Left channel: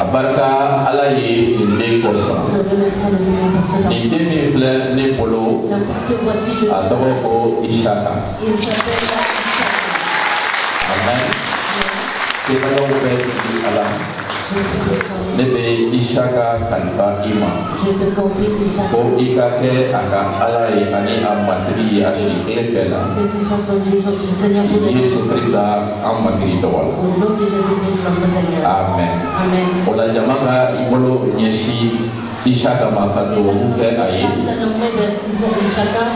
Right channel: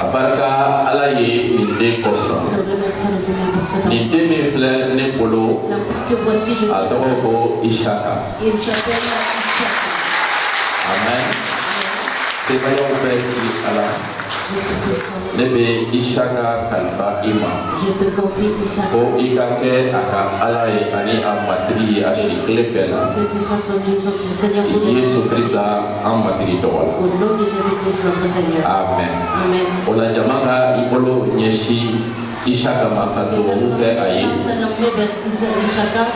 Abarka alaye inde kosa. Ni demi fle ne polo. Adoko Ishaka. Amen. C'est pas yon fait qui ala. Nebe Ishaka kalba ima. Ko ikake aka alaye ani amatri ashikle pela. Yesu Krista amatri dola. Amen. Ola jamanga ibolo nyeshi Ishaka makato wuke aye.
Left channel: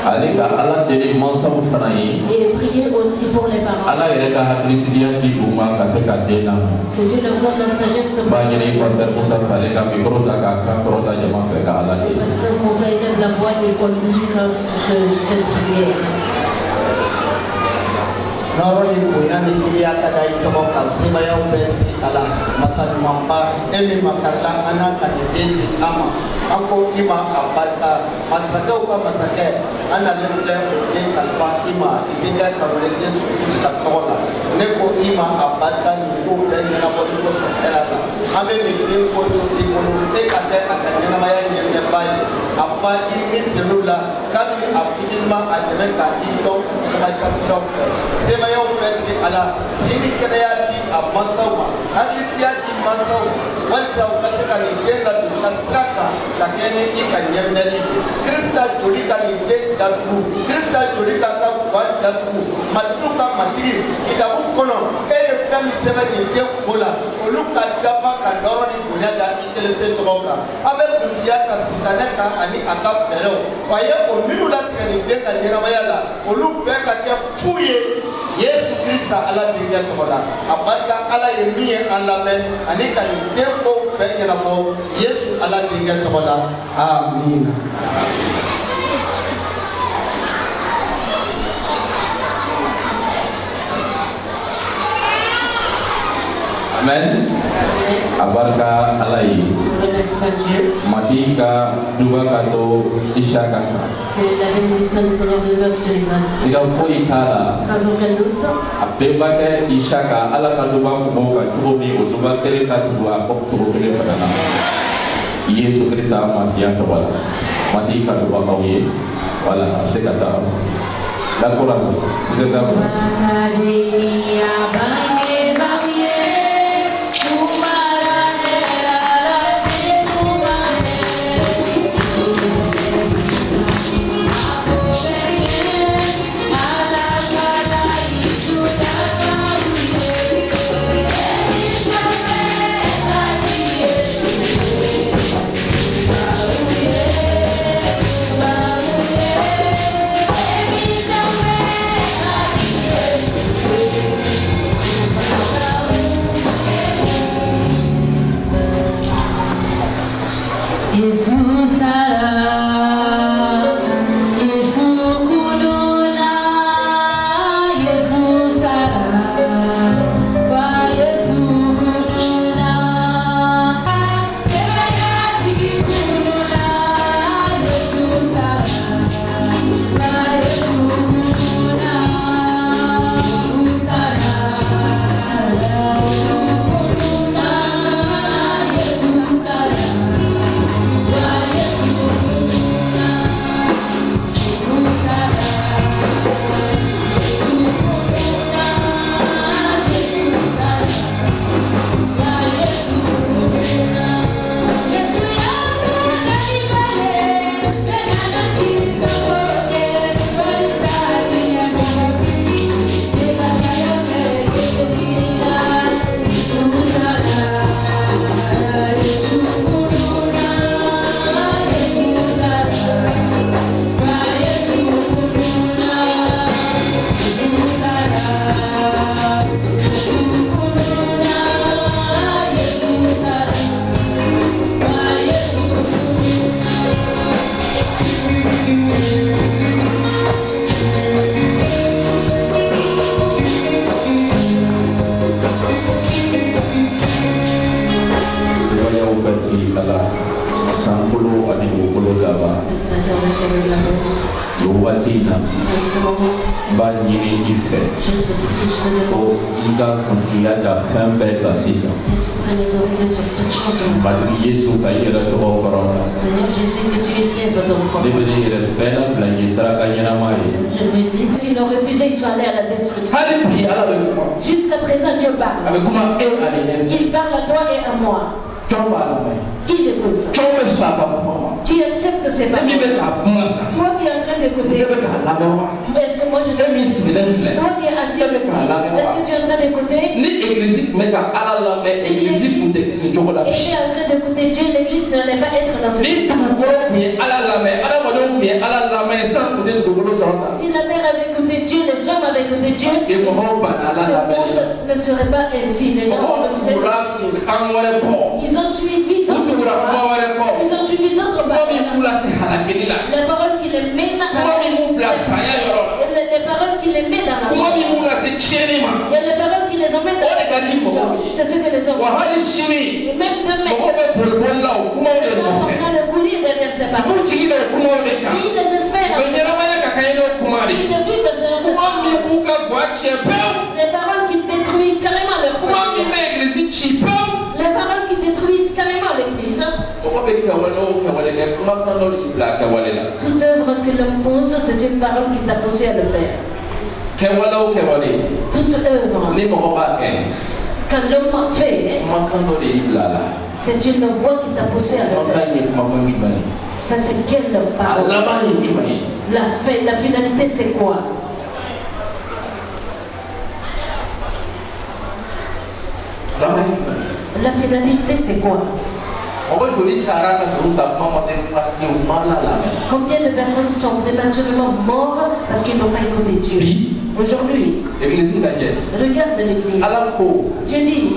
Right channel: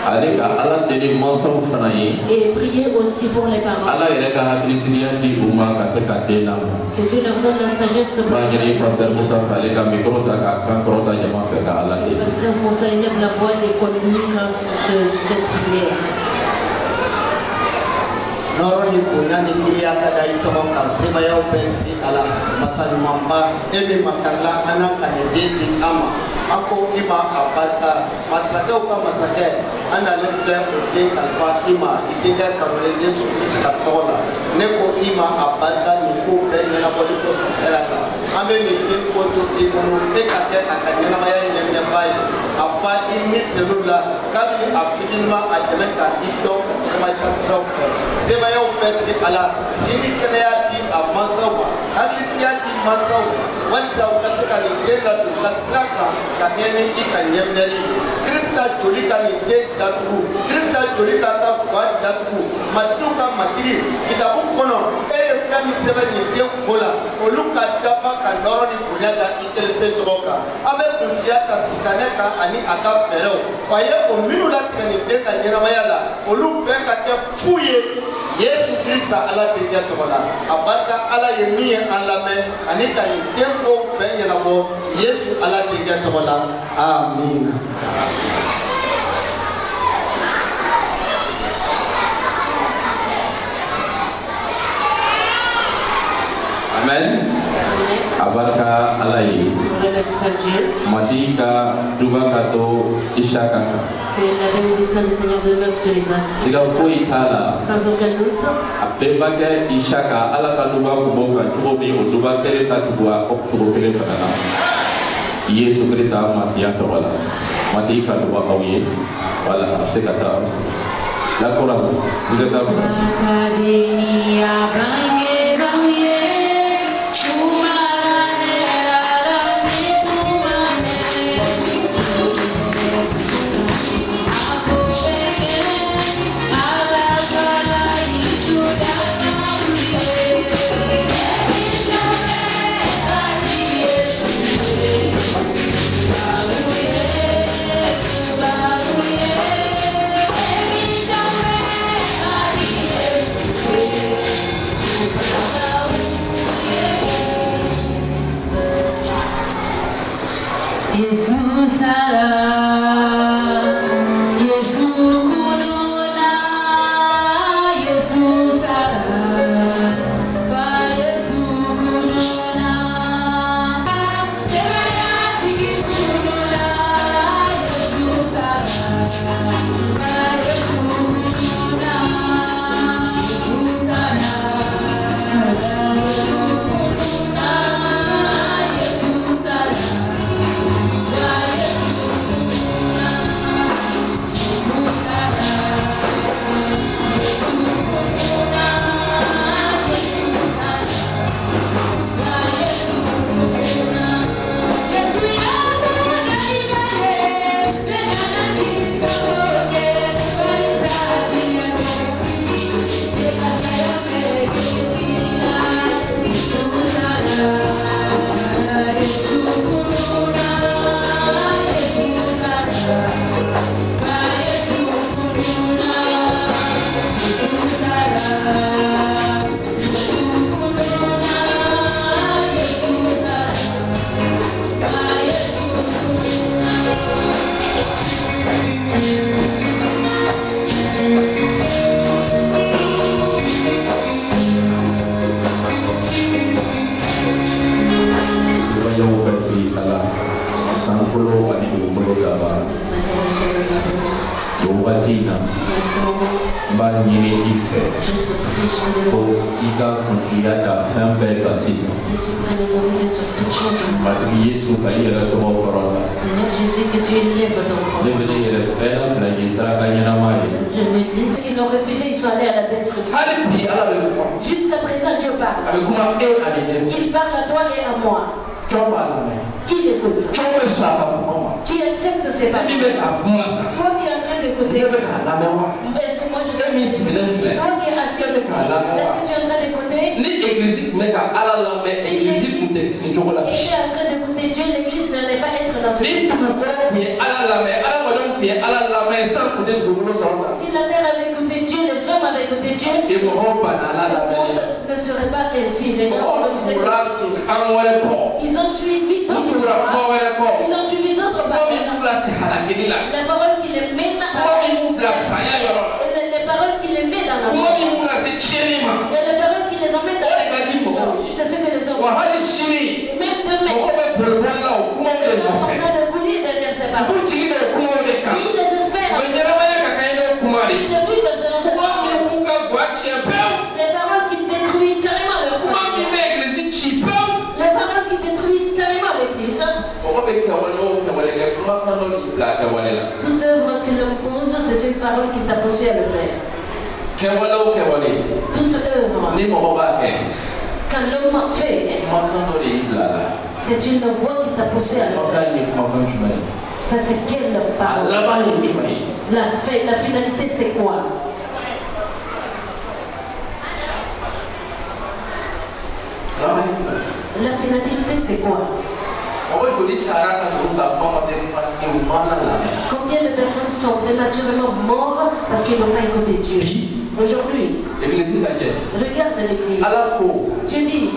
Aleka ala deli mansa ufanaye. Et priez aussi pour les parents. Ala yereka hakritiriya ki buma kaseka dena. Que Dieu leur donne la sagesse. Banyere passer musa aleka mikro taka krota jama feka ala de. Parce que conseil lève la voix et communique cette prière. Noroni bunyani dia kada itomo kasema ya ubetri ala masani mamba emi makala anaka nidindi ama ako ima abata masake upa masake ana lefle ude kalfa ima idinga karole Yesu katola neko ima abata niku benga bodi ko sotela ame mite ko tuti ko ekate akanyana maya nyemya bai apa ini celula kami abdilma ajeneka ito kama kasra sema ya ubetri ala sini kreati amansawa hadi kreati mansawa walsa ukasaka ni kenda tukasraka kakene ikanyemneli Krista jolika ni datu Krista jolika ka kwa datu matuka matiri kitabu kono fami sema ni de kola oluka dafa kandoro ni kunyada itelefe toka abe kuntiya ka sitaneka ani aka pero waye ominu la tani de ka nyera mayala olu beka ke fuye Yesu Krista ala biya tola abaka ala yemiye alamen ani ka tempo benya ko Yesu ala biya tola amin. Amen. Abarka alayi. Matika duba kato Ishaka. Que la bénédiction du Seigneur demeure sur les âmes. Sika foi itala. Sans aucun doute. Apebake Ishaka ala kaduba kuboka tuobi uduba kere tatuwa oktubo kere padana. Yesu Krista masiya tawala. Matika duba kauye. Wala apsekata apse. La korang. Kita apse. Akademia bange bange. Iga confiada femme belle assise. ce matin. Seigneur Jésus, que tu élèves ton corps. Je me dis qu'ils ont refusé, ils sont allés à la destruction. Jusqu'à présent, Dieu parle. Il parle à toi et à moi. Qui l'écoute? Qui accepte ses paroles? Toi qui es en train d'écouter. Est-ce que moi je suis? Toi qui es assis. Est-ce que tu es en train d'écouter? Il est en train d'écouter Dieu, l'église n'allait pas être dans ce monde. Si la terre avait écouté Dieu, les hommes avaient écouté Dieu, ce monde ne serait pas ainsi. Les gens refusaient d'écouter Dieu. Ils ont suivi d'autres paroles. Ils ont suivi d'autres paroles. Les paroles qui les mènent à les paroles qui les mettent dans la mort. Il y a les paroles qui les emmènent dans la destruction. C'est ce que les hommes font. Et même demain, les gens sont en train de couler derrière ces paroles. Et ils les espèrent. Il est vu que c'est dans ces paroles. Les paroles qui détruisent carrément leur foi. Les paroles qui détruisent carrément l'église. Toute œuvre que l'homme pose, c'est une parole qui t'a poussé à le faire. Toute œuvre quand l'homme fait, c'est une voix qui t'a poussé à le faire. Ça, c'est quelle parole? La finalité, c'est quoi? La finalité, c'est quoi? Combien de personnes sont prématurément mortes parce qu'ils n'ont pas écouté Dieu? Aujourd'hui, regarde l'église. Dieu dit,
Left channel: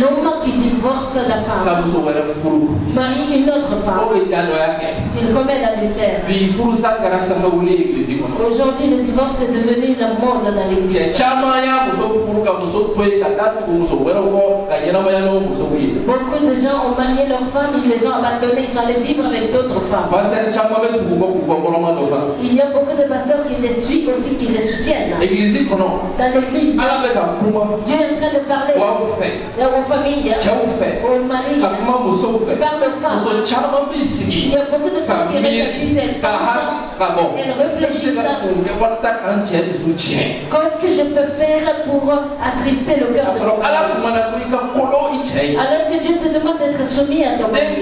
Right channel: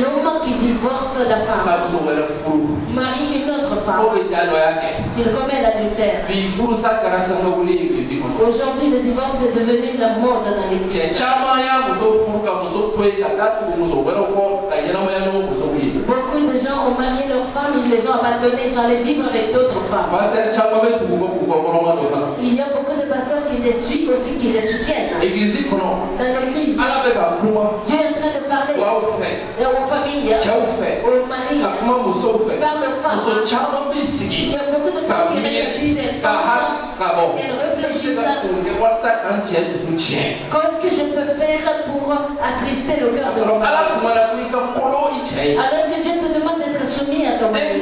l'homme qui divorce la femme marie une autre femme, il commet l'adultère. Aujourd'hui, le divorce est devenu la mode dans l'église. Beaucoup de gens ont marié leurs femmes, ils les ont abandonnées, ils sont allés vivre avec d'autres femmes. Il y a beaucoup de pasteurs qui les suivent aussi, qui les soutiennent. Dans l'église, Dieu est en train de parler aux familles, aux maris, parle aux femmes. Il y a beaucoup de femmes qui restent assises, elles pensent, elles réfléchissent. Qu'est-ce que je peux faire pour attrister le cœur de mon mari? Alors que Dieu te demande d'être soumis à ton mari.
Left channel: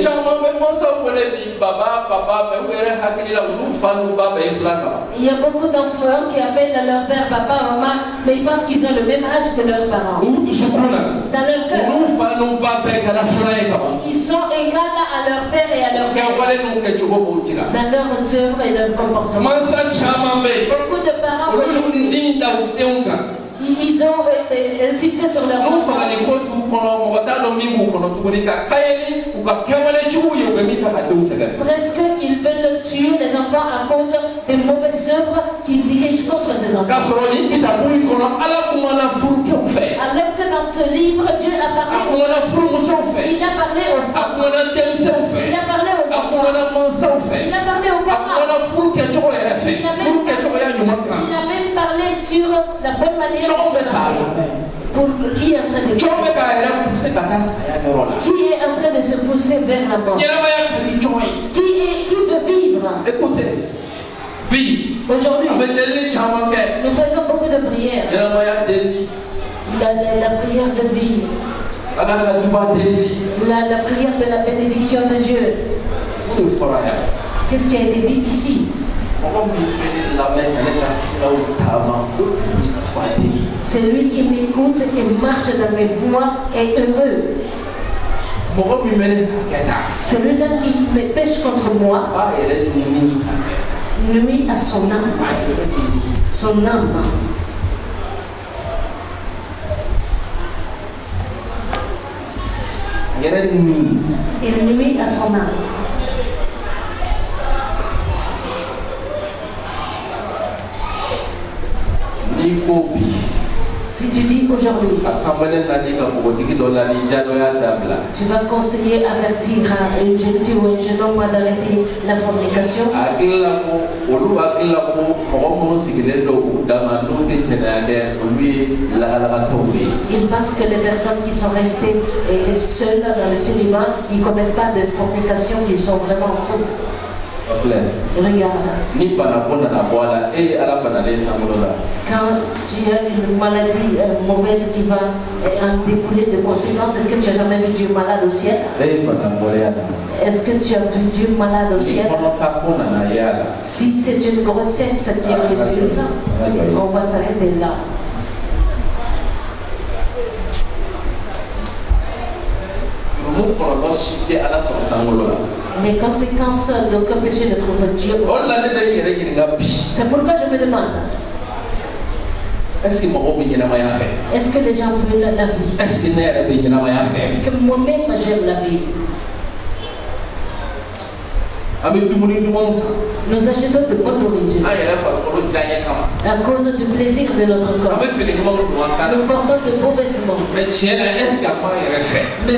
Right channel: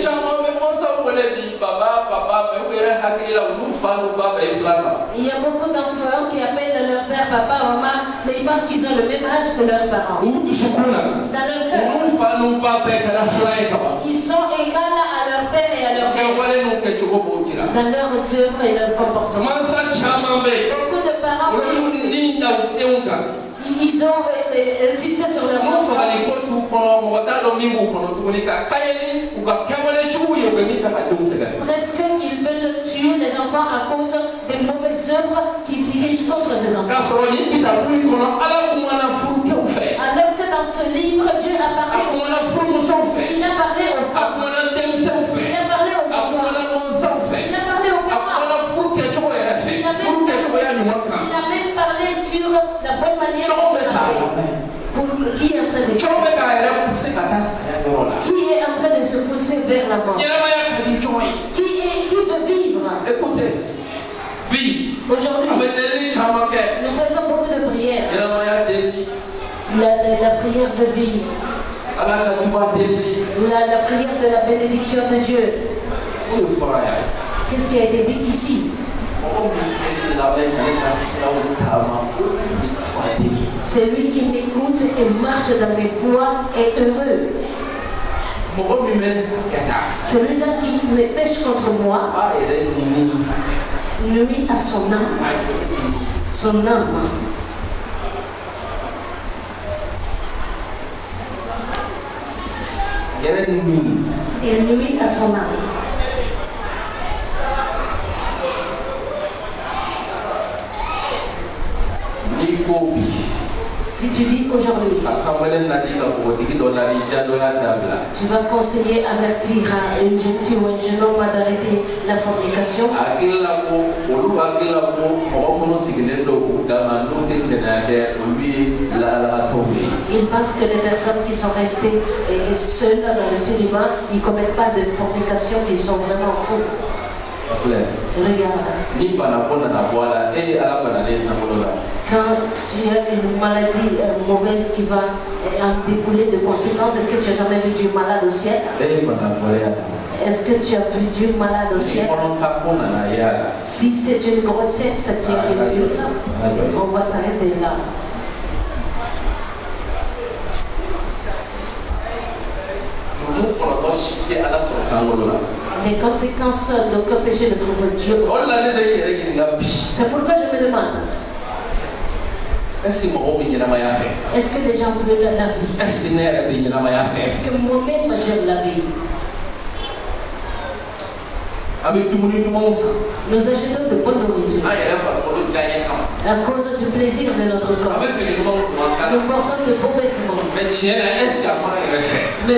Il y a beaucoup d'enfants qui appellent leur père, papa, maman, mais ils pensent qu'ils ont le même âge que leurs parents. Dans leur cœur, ils sont égaux à leur père et à leur mère. Dans leurs œuvres et leur comportement. Beaucoup de parents, ils ont insisté sur leur enfant. Presque ils veulent tuer les enfants à cause des mauvaises œuvres qu'ils dirigent contre ces enfants. Alors que dans ce livre, Dieu a parlé aux femmes. Il a parlé aux femmes. Il a parlé aux enfants. Il a parlé aux parents. Il a même parlé sur la bonne manière de se marier. Pour qui est en train de se pousser vers la mort? Qui veut vivre? Écoutez, aujourd'hui, nous faisons beaucoup de prières. La prière de vie. La prière de la bénédiction de Dieu. Qu'est-ce qui a été dit ici? Celui qui m'écoute et marche dans mes voies est heureux. Celui-là qui me pêche contre moi nuit à son âme. Son âme. Il nuit à son âme. Si tu dis aujourd'hui, Tu vas conseiller, avertir à une jeune fille ou un jeune homme d'arrêter la fornication. Il pense que les personnes qui sont restées seules dans le cinéma, ils ne commettent pas de fornication, ils sont vraiment fous. Regarde. Quand tu as une maladie mauvaise qui va en découler de conséquences, est-ce que tu as jamais vu Dieu malade au ciel? Est-ce que tu as vu Dieu malade au ciel? Si c'est une grossesse qui résulte, on va s'arrêter là. Les conséquences d'aucun péché ne trouvent Dieu. C'est pourquoi je me demande, est-ce que les gens veulent la vie? Est-ce que moi-même j'aime la vie? Nous achetons de bonne nourriture à cause du plaisir de notre corps. Nous portons de beaux vêtements. Mais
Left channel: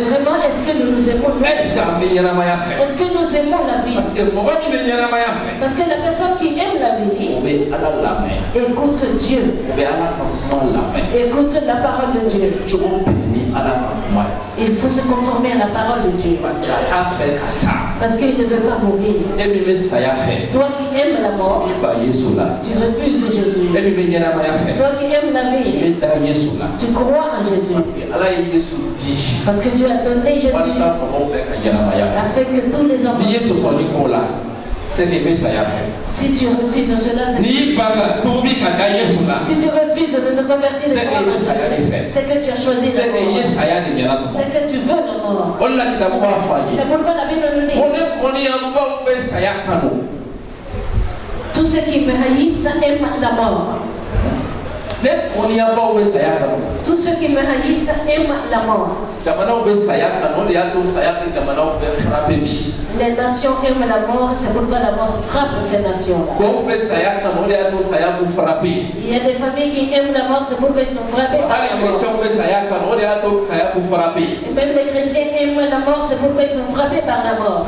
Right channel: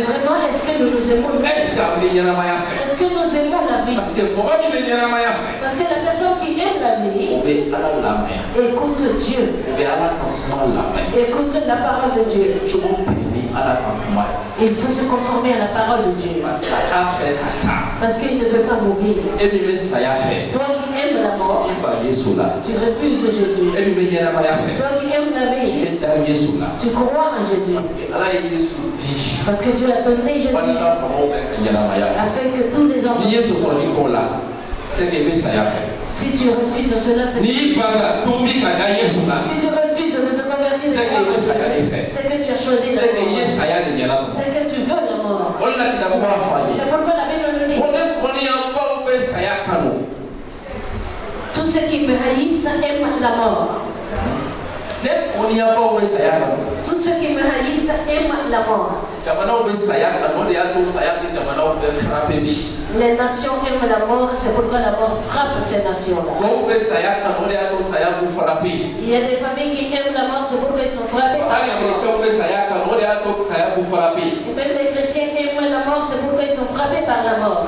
vraiment, est-ce que nous aimons la vie? Est-ce que nous aimons la vie? Parce que la personne qui aime la vie écoute Dieu, écoute la parole de Dieu. Il faut se conformer à la parole de Dieu. Parce qu'il ne veut pas mourir. Toi qui aimes la mort, tu refuses Jésus. Toi qui aimes la vie, tu crois en Jésus. Parce que Dieu a donné Jésus afin que tous les hommes. Si tu refuses cela, si tu refuses de te convertir, c'est que tu as choisi la mort. C'est que tu veux la mort. C'est pourquoi la Bible nous dit, tous ceux qui me haïssent aiment la mort. Tous ceux qui me haïssent aiment la mort. Les nations aiment la mort, c'est pourquoi la mort frappe ces nations-là. Il y a des familles qui aiment la mort, c'est pourquoi ils sont frappés par la mort. Et même les chrétiens aiment la mort, c'est pourquoi ils sont frappés par la mort.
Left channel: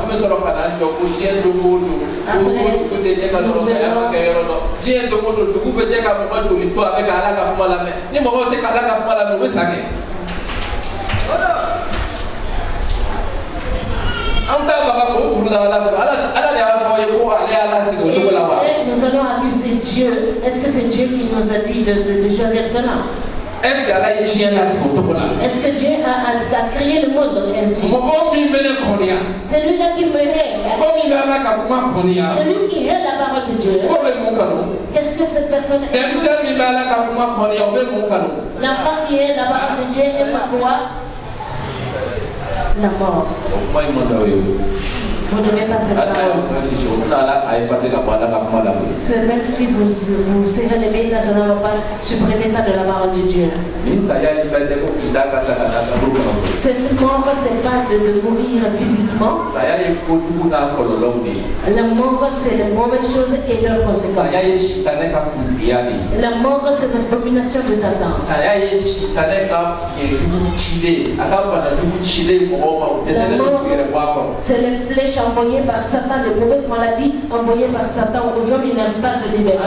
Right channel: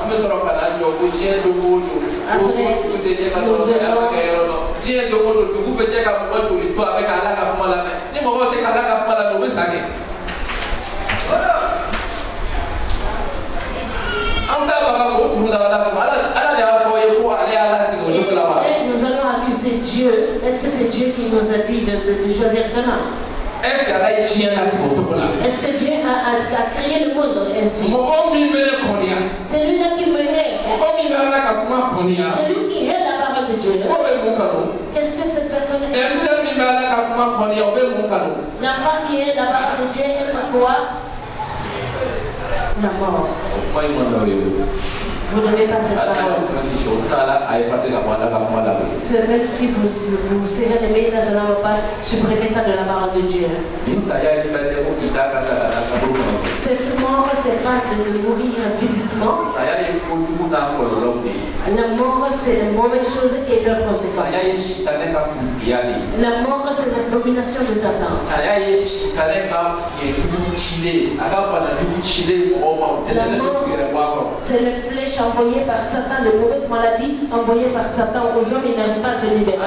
Nous allons accuser Dieu. Est-ce que c'est Dieu qui nous a dit de choisir cela? Est-ce que Dieu a créé le monde ainsi? C'est lui-là qui me hait. C'est lui qui hait la parole de Dieu. Qu'est-ce que cette personne aime? L'enfant qui hait la parole de Dieu aime quoi? La mort. Vous n'aimez pas cette parole. C'est même si vous serrez les mains, ça ne va pas supprimer ça de la parole de Dieu. Cette mort, c'est pas de mourir physiquement. La mort, c'est les mauvaises choses et leurs conséquences. La mort, c'est l'abomination de Satan. La mort, c'est les flèches envoyées par Satan, les mauvaises maladies envoyées par Satan aux hommes, ils n'arrivent pas à se libérer.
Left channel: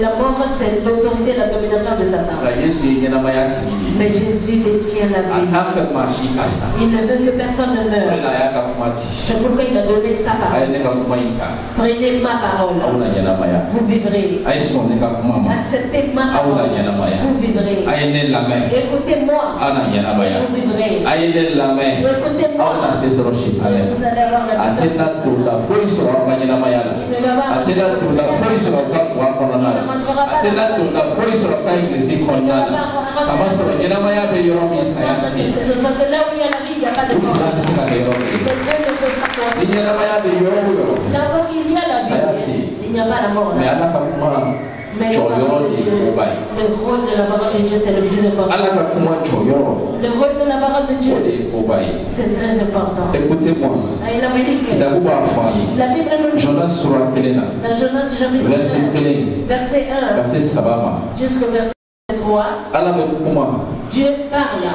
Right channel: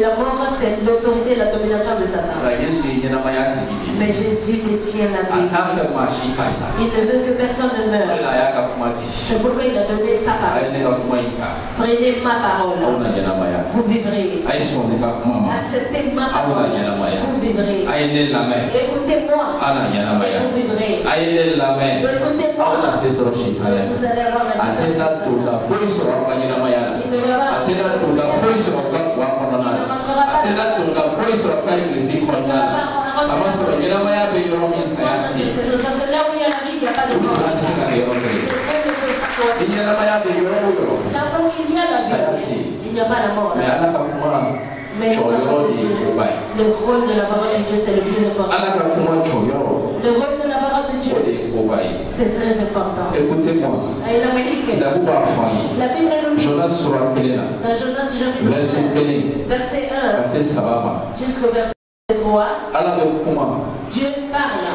La mort, c'est l'autorité et la domination de Satan. Mais Jésus détient la vie. Il ne veut que personne ne meure. C'est pourquoi il a donné sa parole. Prenez ma parole. Vous vivrez. Acceptez ma parole. Vous vivrez. Écoutez-moi. Vous vivrez. Écoutez-moi. Vous allez avoir la parce que là où il y a la vie, il n'y a pas de mort. Là où il y a la vie, il n'y a pas la mort. Mais le rôle de la parole de Dieu, c'est le plus important. Le rôle de la parole de Dieu, c'est très important. Écoutez-moi. La Bible nous dit, dans Jonas chapitre 1, verset 1 jusqu'au verset Dieu parle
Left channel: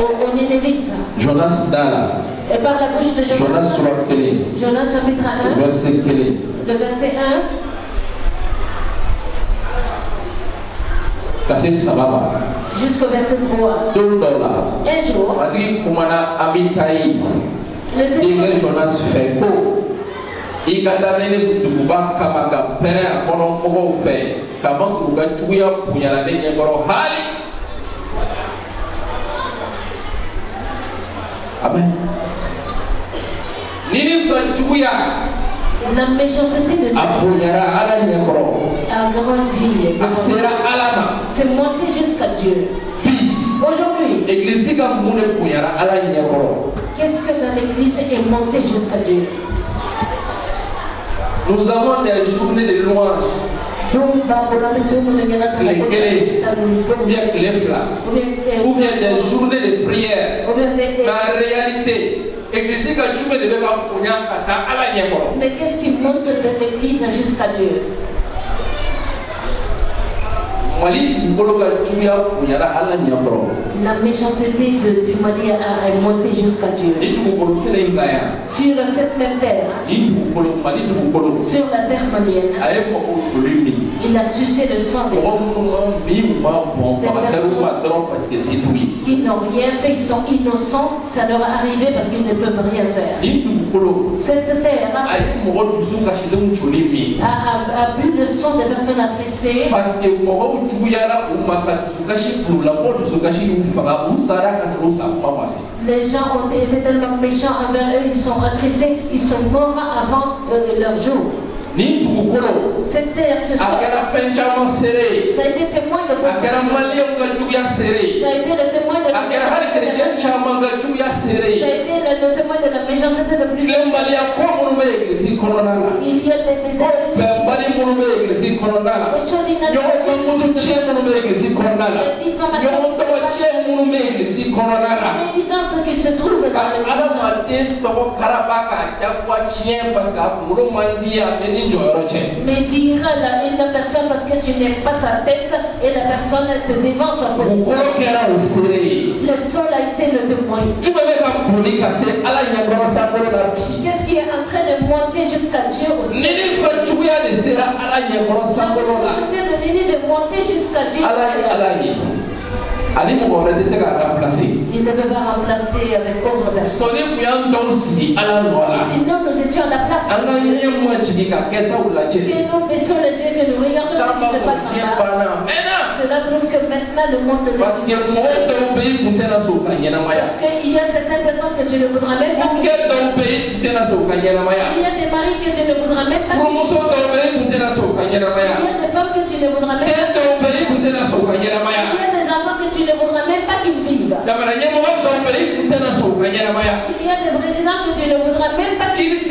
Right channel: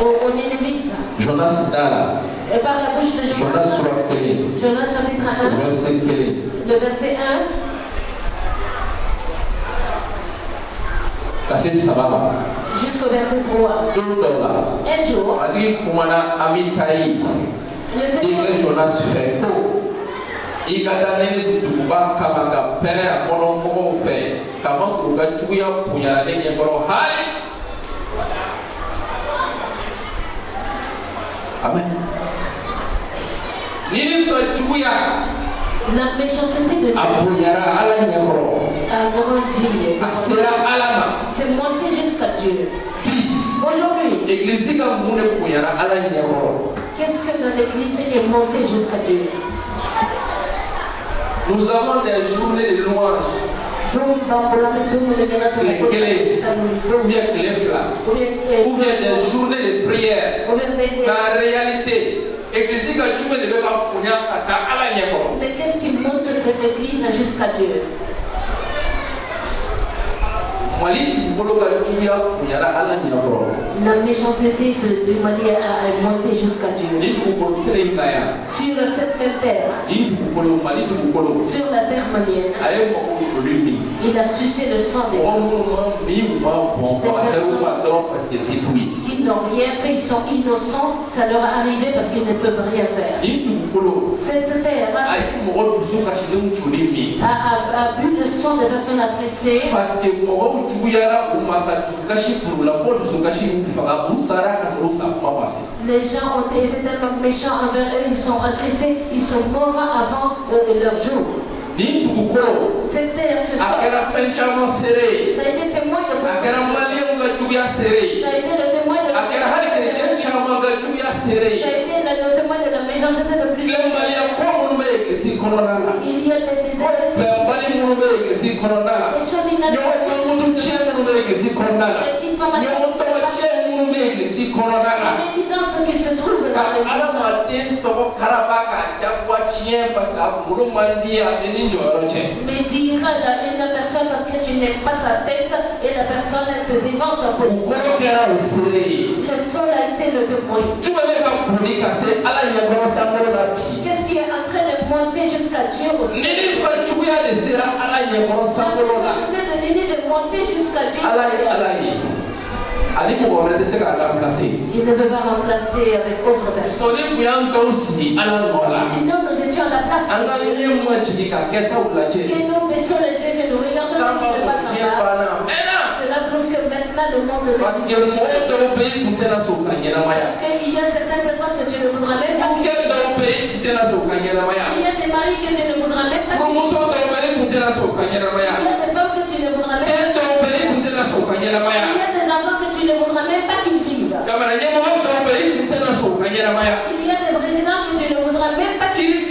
aux Nénévites. Jonas Dala. Et par la bouche de Jonas. Jonas chapitre 1. Le verset 1. Jusqu'au verset 3. Un jour, le Seigneur Jonas fait il y a des gens qui Amen. la méchanceté de Dieu a grandi. C'est monté jusqu'à Dieu. Aujourd'hui, qu'est-ce que dans l'église est monté jusqu'à Dieu? Nous avons des journées de louanges. Ou bien des journées de prière. Mais en réalité, mais qu'est-ce qui monte de l'église jusqu'à Dieu? La méchanceté du Mali a monté jusqu'à Dieu. Sur cette même terre, sur la terre malienne, il a sucé le sang des personnes qui n'ont rien fait, ils sont innocents, ça leur est arrivé parce qu'ils ne peuvent rien faire. Cette terre a bu le sang des personnes adressées. Parce que les gens ont été tellement méchants envers eux, ils sont attristés, ils sont morts avant leur jour. Cette terre, ce sang, ça a été témoin de ça a été le témoin de ça a été le témoin de la méchanceté de plusieurs. Il y a des choses les médisances qui se trouvent dans l'église. Mais dira la personne parce que tu n'aimes pas sa tête et la personne te dévance en position. Le sol a été le témoin. Qu'est-ce qui est en train de monter jusqu'à Dieu aussi? C'était de Nénive de monter jusqu'à Dieu. Il ne peut pas remplacer avec autre personne. Sinon nous étions à la place. Et nous baissons les yeux que nous regardons ce qui se passe en bas. Cela trouve que maintenant le monde de parce qu'il y a certaines personnes que tu ne voudras même pas. Il y a des maris que tu ne voudras même pas. Il y a des femmes que tu ne voudras même pas. Il y a des enfants que tu ne voudras même pas qu'ils vivent. Il y a des présidents que tu ne voudras même pas qu'ils vivent.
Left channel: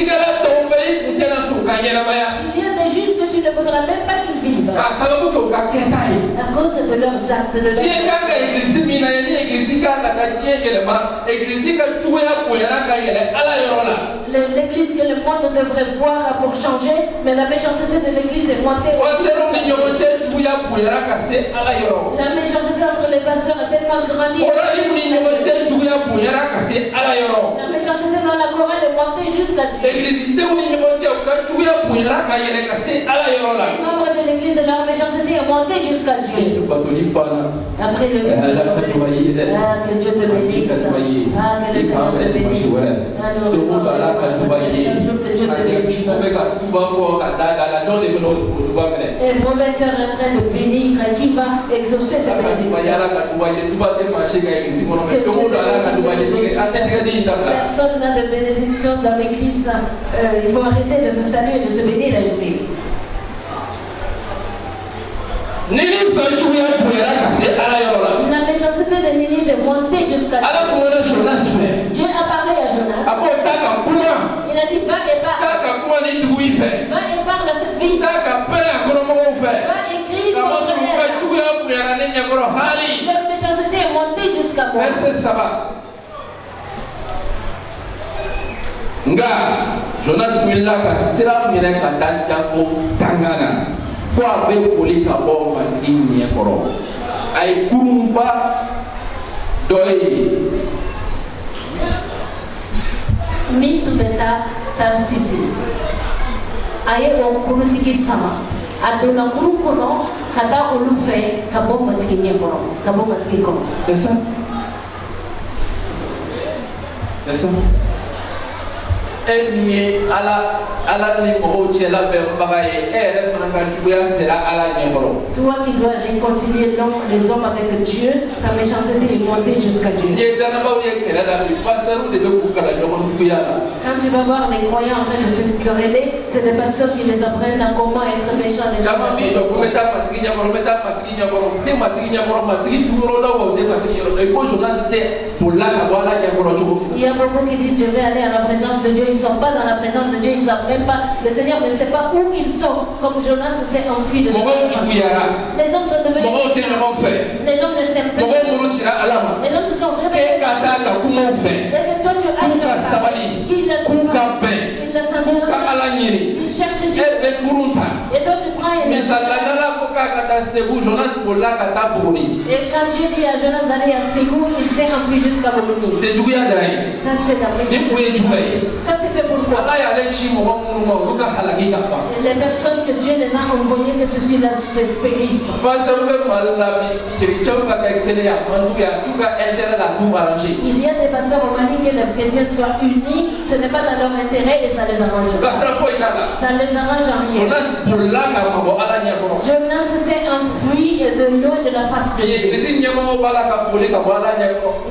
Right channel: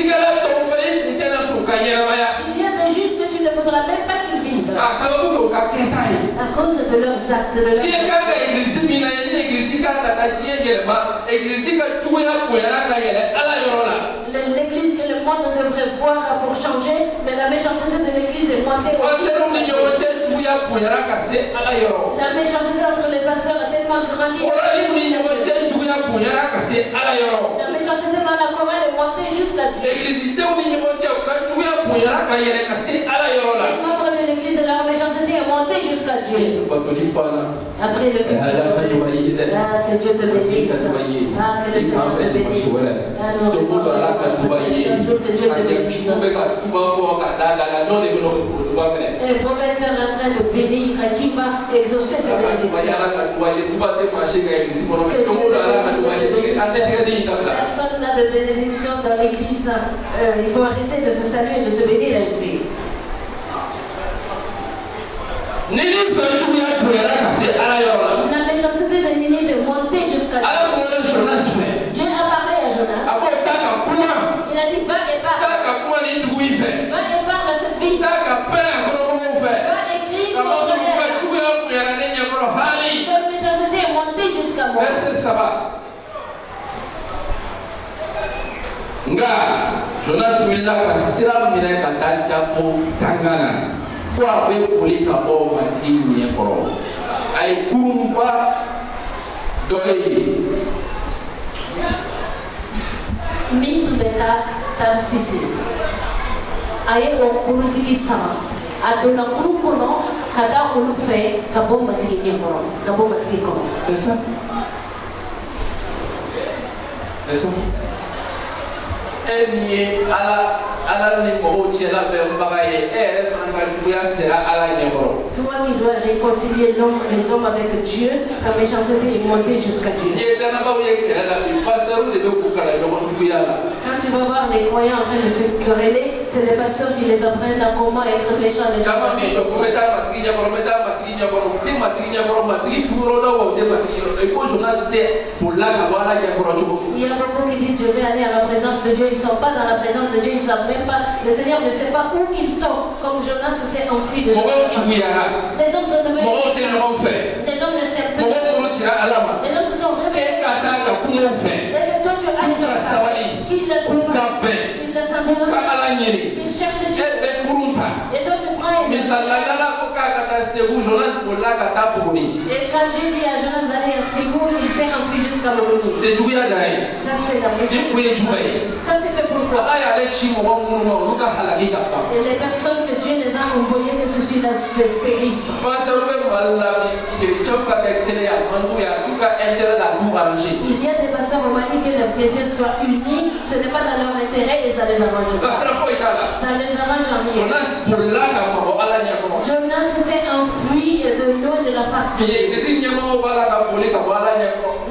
Il y a des justes que tu ne voudras même pas qu'ils vivent. À cause de leurs actes, de l'église que le monde devrait voir pour changer, mais la méchanceté de l'église est montée. La méchanceté entre les pasteurs a tellement grandi. La méchanceté dans la chorale est montée jusqu'à Dieu. Les membres de l'église, leur méchanceté est montée jusqu'à Dieu. Après le que Dieu te bénisse. Que le Seigneur te bénisse. Et un mauvais cœur est en train de bénir qui va exaucer cette bénédiction. Personne n'a de bénédiction dans l'église. Il faut arrêter de se saluer et de se bénir ainsi. La méchanceté de Nénive est montée jusqu'à Dieu. Dieu a parlé à Jonas. Il a dit va et parle. Va et parle à cette vie. Va écrire la méchanceté est montée jusqu'à moi. Quoi avec Polika Bon Matri Niakoro? Aïe Kurumba Doye. Mitu beta tarsisi. Aye o kurutiki sama. Adona kurukono kada olufe kabo matiki Niakoro. Kabo matiki kono. C'est ça? C'est ça? Elle n'y est à la niveau où elle a bagaille. Elle est en train de jouer à la niveau. Toi qui dois réconcilier les hommes avec Dieu, ta méchanceté est montée jusqu'à Dieu. Quand tu vas voir les croyants en train de se quereller, c'est les pasteurs qui les apprennent à comment être méchants les uns avec les autres. Il y a beaucoup qui disent je vais aller à la présence de Dieu, ils ne sont pas dans la présence de Dieu, ils ne savent même pas, le Seigneur ne sait pas où ils sont, comme Jonas s'est enfui de Dieu. Les hommes sont devenus, les hommes ne s'aiment plus, les hommes se sont réveillés, et toi tu as qu'il le sait pas, il le sait pas, il cherche Dieu, et toi tu prends et quand Dieu dit à Jonas d'aller à Ségou, il s'est enfui jusqu'à Moroni. Ça c'est la méthode. Ça c'est fait pourquoi? Et les personnes que Dieu les a envoyées, que ceci-là se périssent. Il y a des pasteurs romaniques que les chrétiens soient unis, ce n'est pas dans leur intérêt et ça les arrange pas. Ça les arrange en rien. Jonas s'est enfui de loin de la face de Dieu.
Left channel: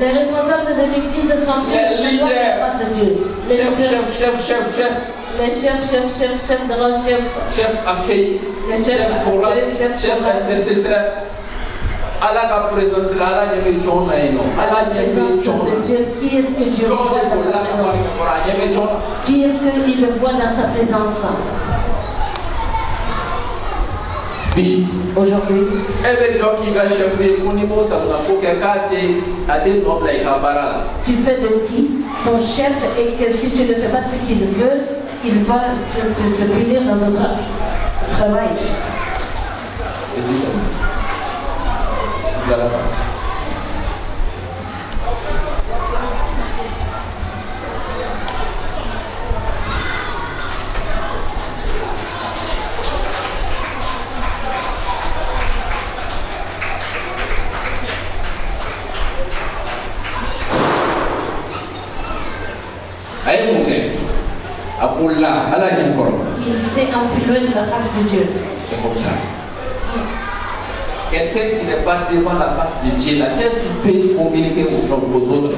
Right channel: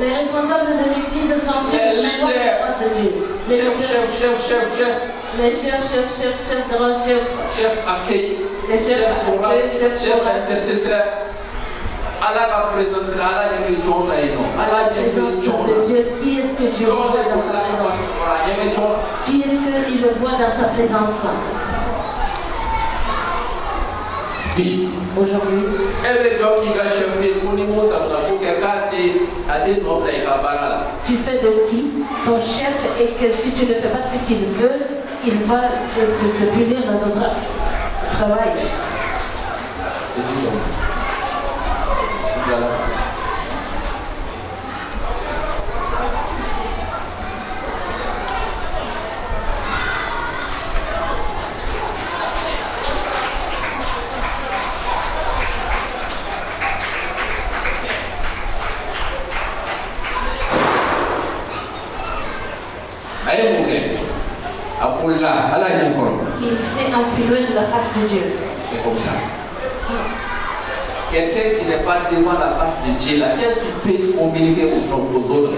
Les responsables de l'église sont faits de loin de la face de Dieu. Les chefs, grands chefs. Chef accueil, chef intercesseur. À la présence de Dieu, qui est-ce que Dieu voit dans sa présence? Qui est-ce qu'il le voit dans sa présence? Aujourd'hui, tu fais de qui ton chef et que si tu ne fais pas ce qu'il veut, il va te punir dans ton travail. Il s'est enfilé de la face de Dieu. C'est comme ça. Quelqu'un qui n'est pas devant la face de Dieu, là, qu'est-ce qu'il peut communiquer aux autres?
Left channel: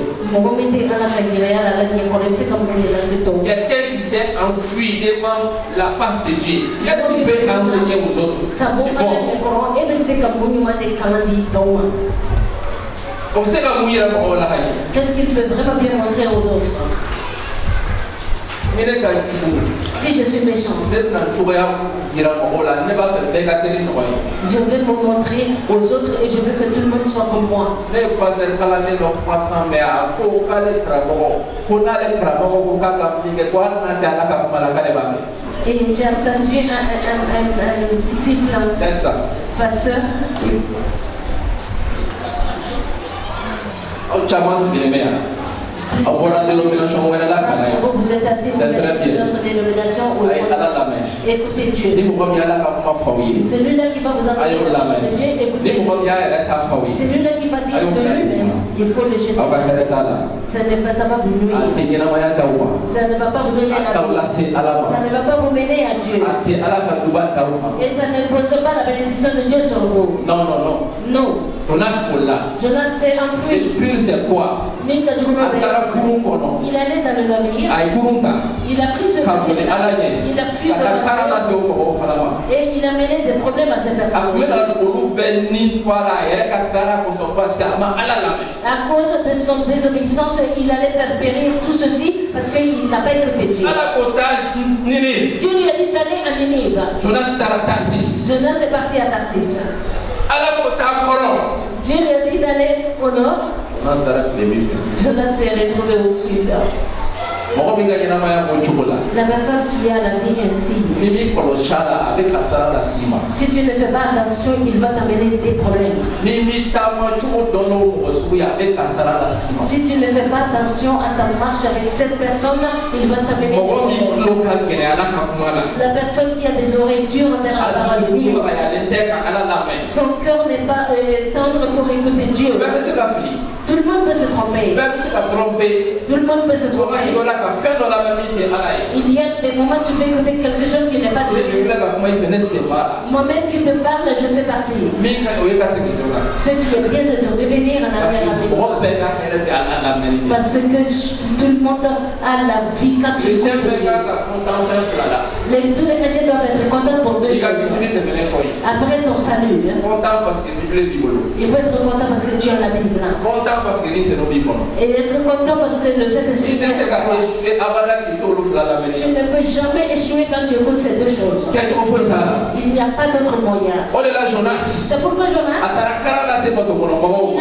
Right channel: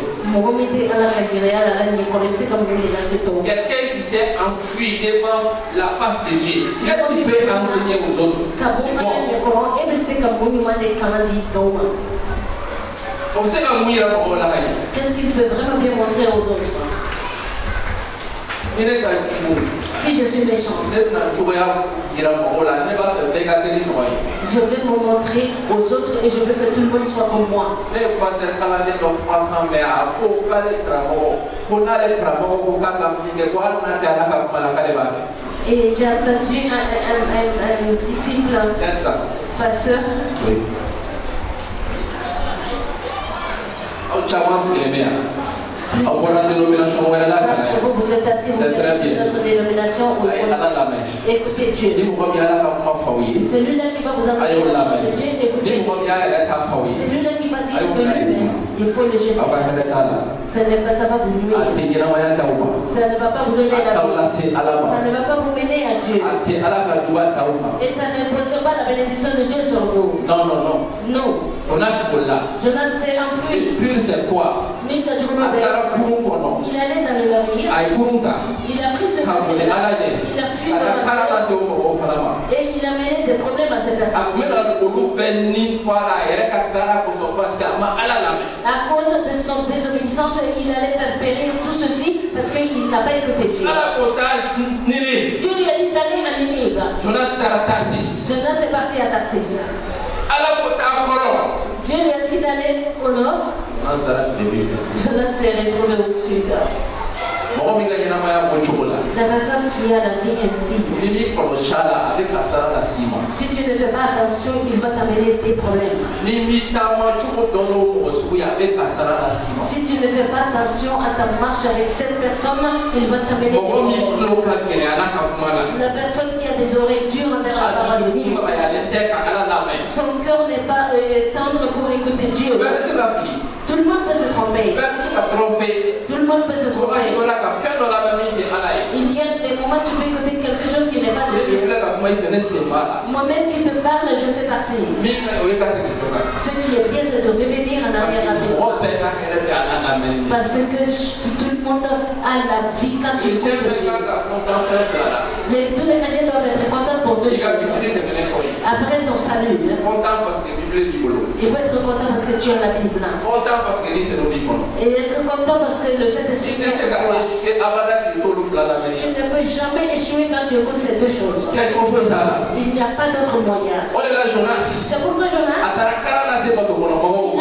Quelqu'un qui s'est enfui devant la face de Dieu, qu'est-ce qu'il peut enseigner aux autres? Qu'est-ce qu'il peut vraiment bien montrer aux autres? Si je suis méchant, je vais me montrer aux autres et je veux que tout le monde soit comme moi. Et j'ai entendu un disciple, pasteur. Vous êtes assis dans notre dénomination où écoutez Dieu. C'est lui-là qui va vous annoncer de Dieu, écoutez. C'est lui-là qui va dire de lui-même, il faut le jeter. Ça va vous nuire. Ça ne va pas vous donner la vie. Ça ne va pas vous mener à Dieu. Et ça ne pose pas la bénédiction de Dieu sur vous. Non. Jonas s'est enfui. Puis c'est quoi? Il allait dans le navire. Il a pris ce navire. Il a fui dans le navire. Et il a mené des problèmes à cette personne. À cause de son désobéissance, il allait faire périr tout ceci parce qu'il n'a pas écouté Dieu. Dieu lui a dit d'aller à Ninive. Jonas est parti à Tarsis. Dieu lui a dit d'aller au nord. Jonas s'est retrouvé au sud. La personne qui a la vie ainsi, si tu ne fais pas attention, il va t'amener des problèmes. Si tu ne fais pas attention à ta marche avec cette personne, il va t'amener des problèmes. La personne qui a des oreilles dures vers la parole de Dieu, son cœur n'est pas tendre pour écouter Dieu. Tout le monde peut se tromper. Tout le monde peut se tromper. Il y a des moments où tu peux écouter quelque chose qui n'est pas de Dieu. Moi-même qui te parle, je fais partie. Ce qui est bien, c'est de revenir en arrière avec moi. Parce que tout le monde a la vie quand tu écoutes Dieu. Tous les chrétiens doivent être contents pour deux choses. Après ton salut, il faut être content parce que tu as la Bible. Et être content parce que le Saint-Esprit est avec toi. Tu ne peux jamais échouer quand tu écoutes ces deux choses. Il n'y a pas d'autre moyen. C'est pourquoi Jonas a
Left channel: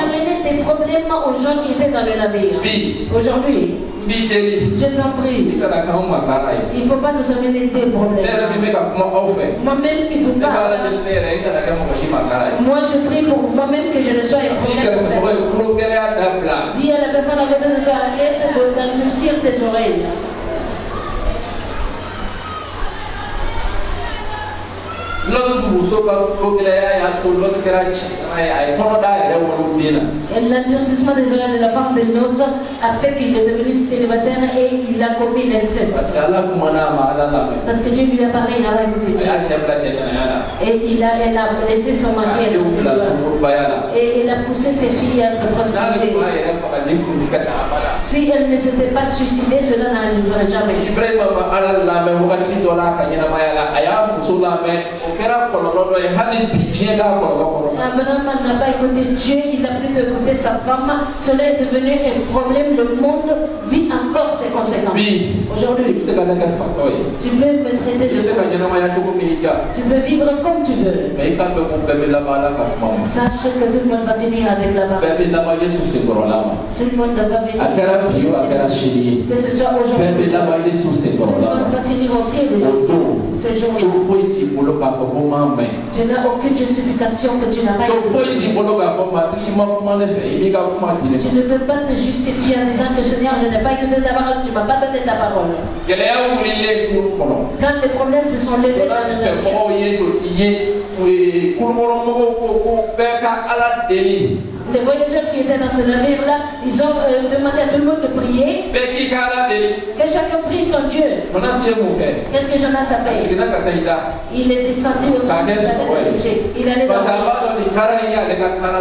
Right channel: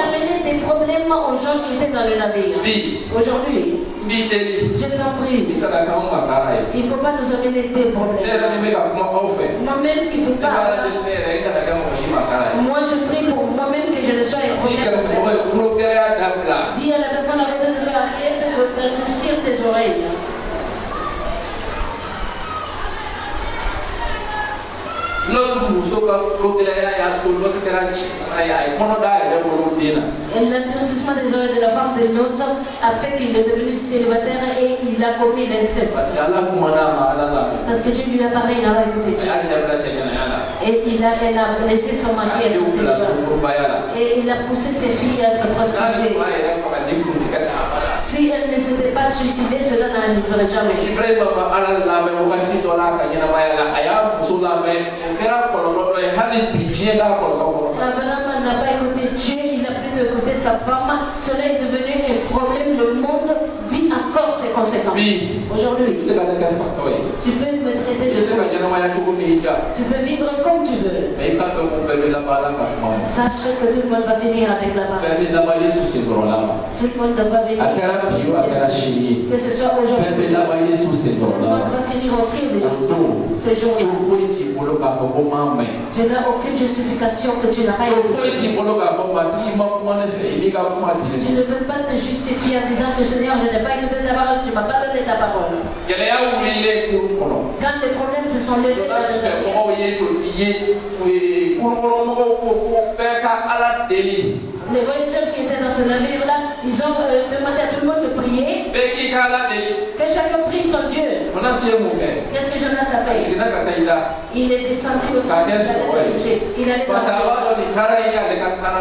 amené des problèmes aux gens qui étaient dans le navire. Aujourd'hui, je t'en prie, il ne faut pas nous amener des problèmes. Moi-même qui vous parle, moi je prie pour moi-même que je ne sois un problème pour personne. Dis à la personne à côté de toi, arrête d'endurcir tes oreilles. L'endurcissement des oreilles de la femme de l'autre a fait qu'il est devenu célibataire et il a commis l'inceste. Parce que Dieu lui a parlé, il n'a pas écouté Dieu. Et elle a laissé son mari être célibataire. Et il a poussé ses filles à être prostituées. Si elle ne s'était pas suicidée, cela n'arriverait jamais. Abraham n'a pas écouté Dieu, il a plus écouté sa femme. Cela est devenu un problème. Le monde vit encore ses conséquences. Aujourd'hui, tu peux me traiter de fou. Tu peux vivre comme tu veux. Sache que tout le monde va finir avec la mort. Tout le monde va venir. Que ce soit aujourd'hui. Tout le monde va finir au pied des gens. Ce jour-là. Tu n'as aucune justification que tu n'as pas écouté. Tu ne peux pas te justifier en disant que Seigneur, je n'ai pas écouté ta parole, tu ne m'as pas donné ta parole. Quand les problèmes se sont levés dans les voyageurs qui étaient dans ce navire-là, ils ont demandé à tout le monde de prier. Que chacun prie son Dieu. Qu'est-ce que Jonas a fait? Il est descendu au sol, il allait se coucher. Il allait dormir.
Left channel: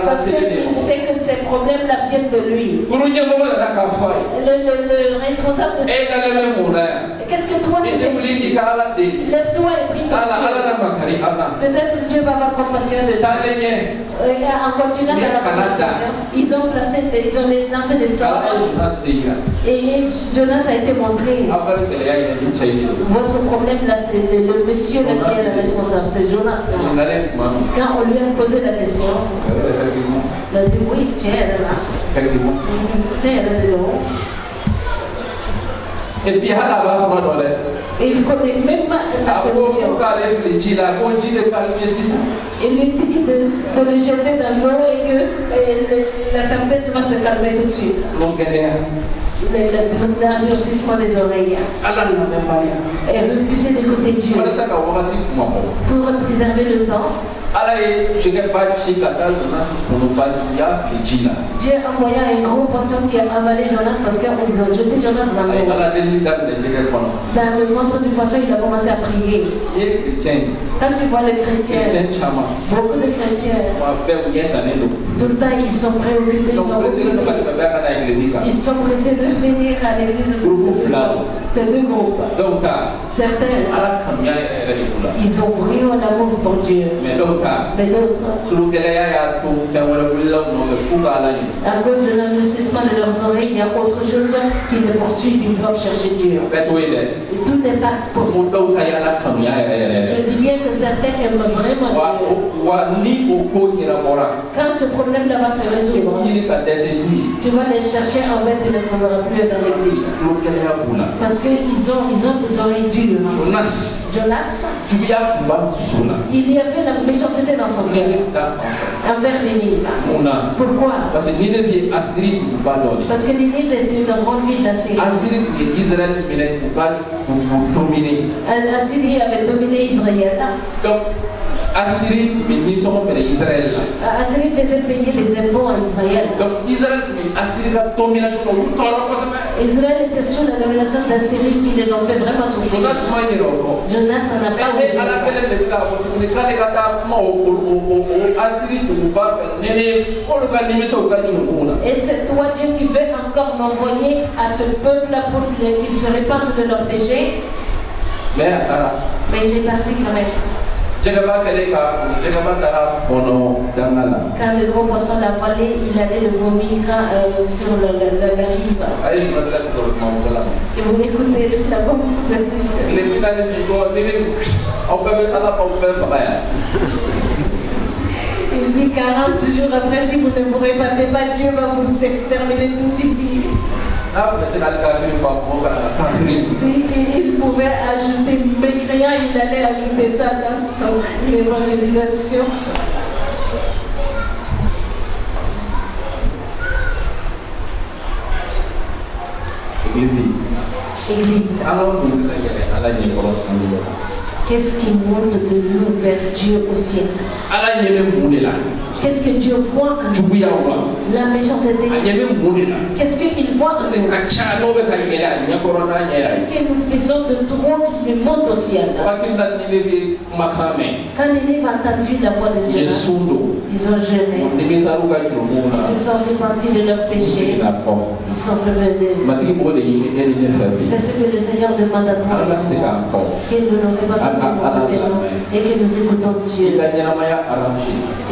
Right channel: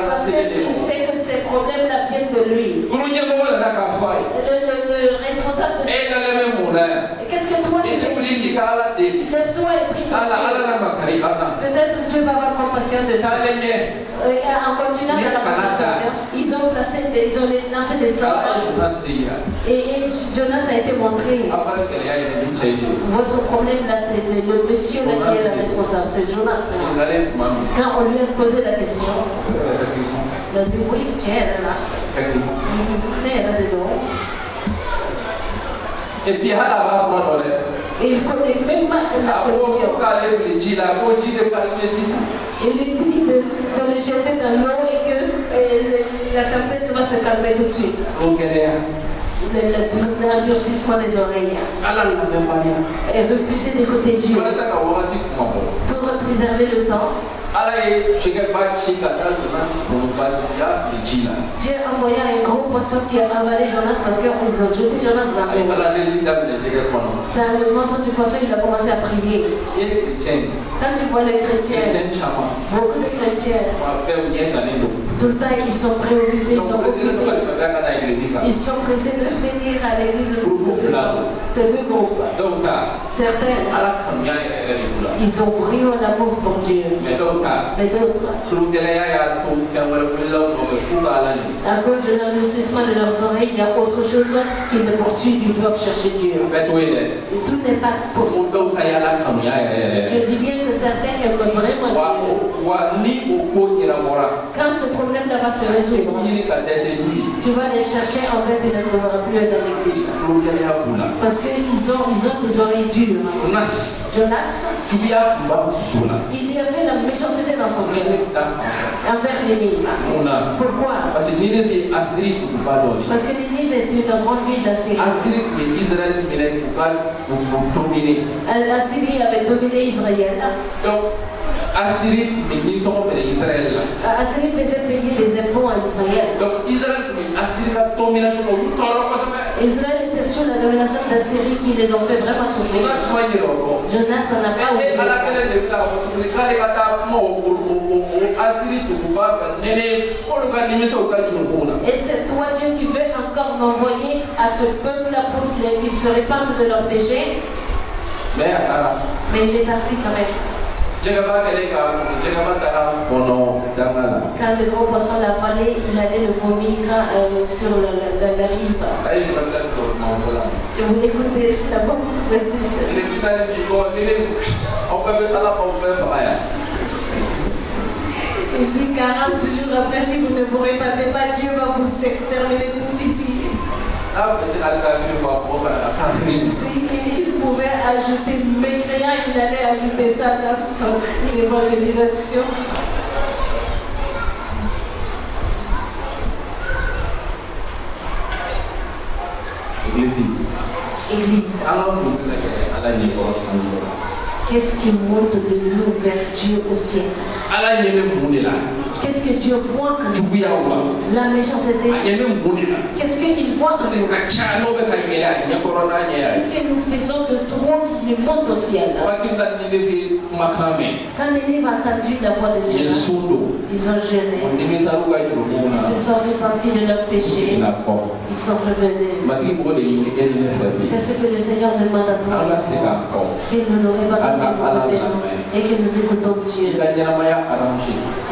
Parce qu'il sait que ces problèmes-là viennent de lui. Le responsable de ce... Et qu'est-ce que toi tu fais ici? Lève-toi et prie ton Dieu. Peut-être Dieu va avoir compassion de toi. En continuant dans la conversation, ils ont lancé des sorts. Et Jonas a été montré. Votre problème là, c'est le monsieur là qui est le responsable, c'est Jonas. Quand on lui a posé la question, il a dit oui, tu es là. Tu es là dedans. Et puis il connaît même pas la solution. Il lui dit de le jeter dans l'eau et que la tempête va se calmer tout de suite. L'endurcissement des oreilles. Et refuser d'écouter Dieu. Pour préserver le temps. Dieu envoya un gros poisson qui a avalé Jonas parce qu'ils ont jeté Jonas dans l'eau. Dans le ventre du poisson, il a commencé à prier. Quand tu vois les chrétiens, beaucoup de chrétiens, tout le temps ils sont préoccupés, ils sont pressés de venir à l'église. C'est deux groupes. Certains, ils ont brillé en amour pour Dieu. Mais d'autres, à cause de l'endurcissement de leurs oreilles, il y a autre chose choses qui les poursuivent, ils doivent chercher Dieu. Et tout n'est pas possible. Je dis bien que certains aiment vraiment Dieu. Quand ce problème-là va se résoudre, tu vas les chercher, en fait, tu ne trouveras plus dans l'église. Parce qu'ils ont des oreilles dures. Jonas, il y avait la méchanceté dans son cœur envers Nénive. Pourquoi? Parce que Nénive est une grande ville d'Assyrie. Assyrie avait dominé Israël. Assyrie faisait payer des impôts à Israël. Donc Israël était sous la domination d'Assyrie qui les ont fait vraiment souffrir. Jonas n'en a pas oublié ça. Et c'est toi Dieu qui veut encore m'envoyer à ce peuple-là pour qu'ils se répandent de leurs péchés. Mais il est parti quand même. Quand le gros poisson l'a avalé, il allait le vomir sur la rive. Et vous écoutez la bombe. Il dit 40 jours après, si vous ne vous répandez pas, Dieu va vous exterminer tous ici. Si il pouvait ajouter mécréant, il allait ajouter ça dans son évangélisation. Église. Qu'est-ce qui monte de nous vers Dieu au ciel? Qu'est-ce que Dieu voit en nous? La méchanceté. Qu'est-ce qu'il voit en nous? Qu'est-ce que nous faisons de trop qui nous monte au ciel? Quand Nénive a entendu la voix de Dieu, ils ont jeûné. Ils se sont repentis de leurs péchés. Ils sont revenus. C'est ce que le Seigneur demande à toi. Que nous nous répandons et que nous écoutons Dieu.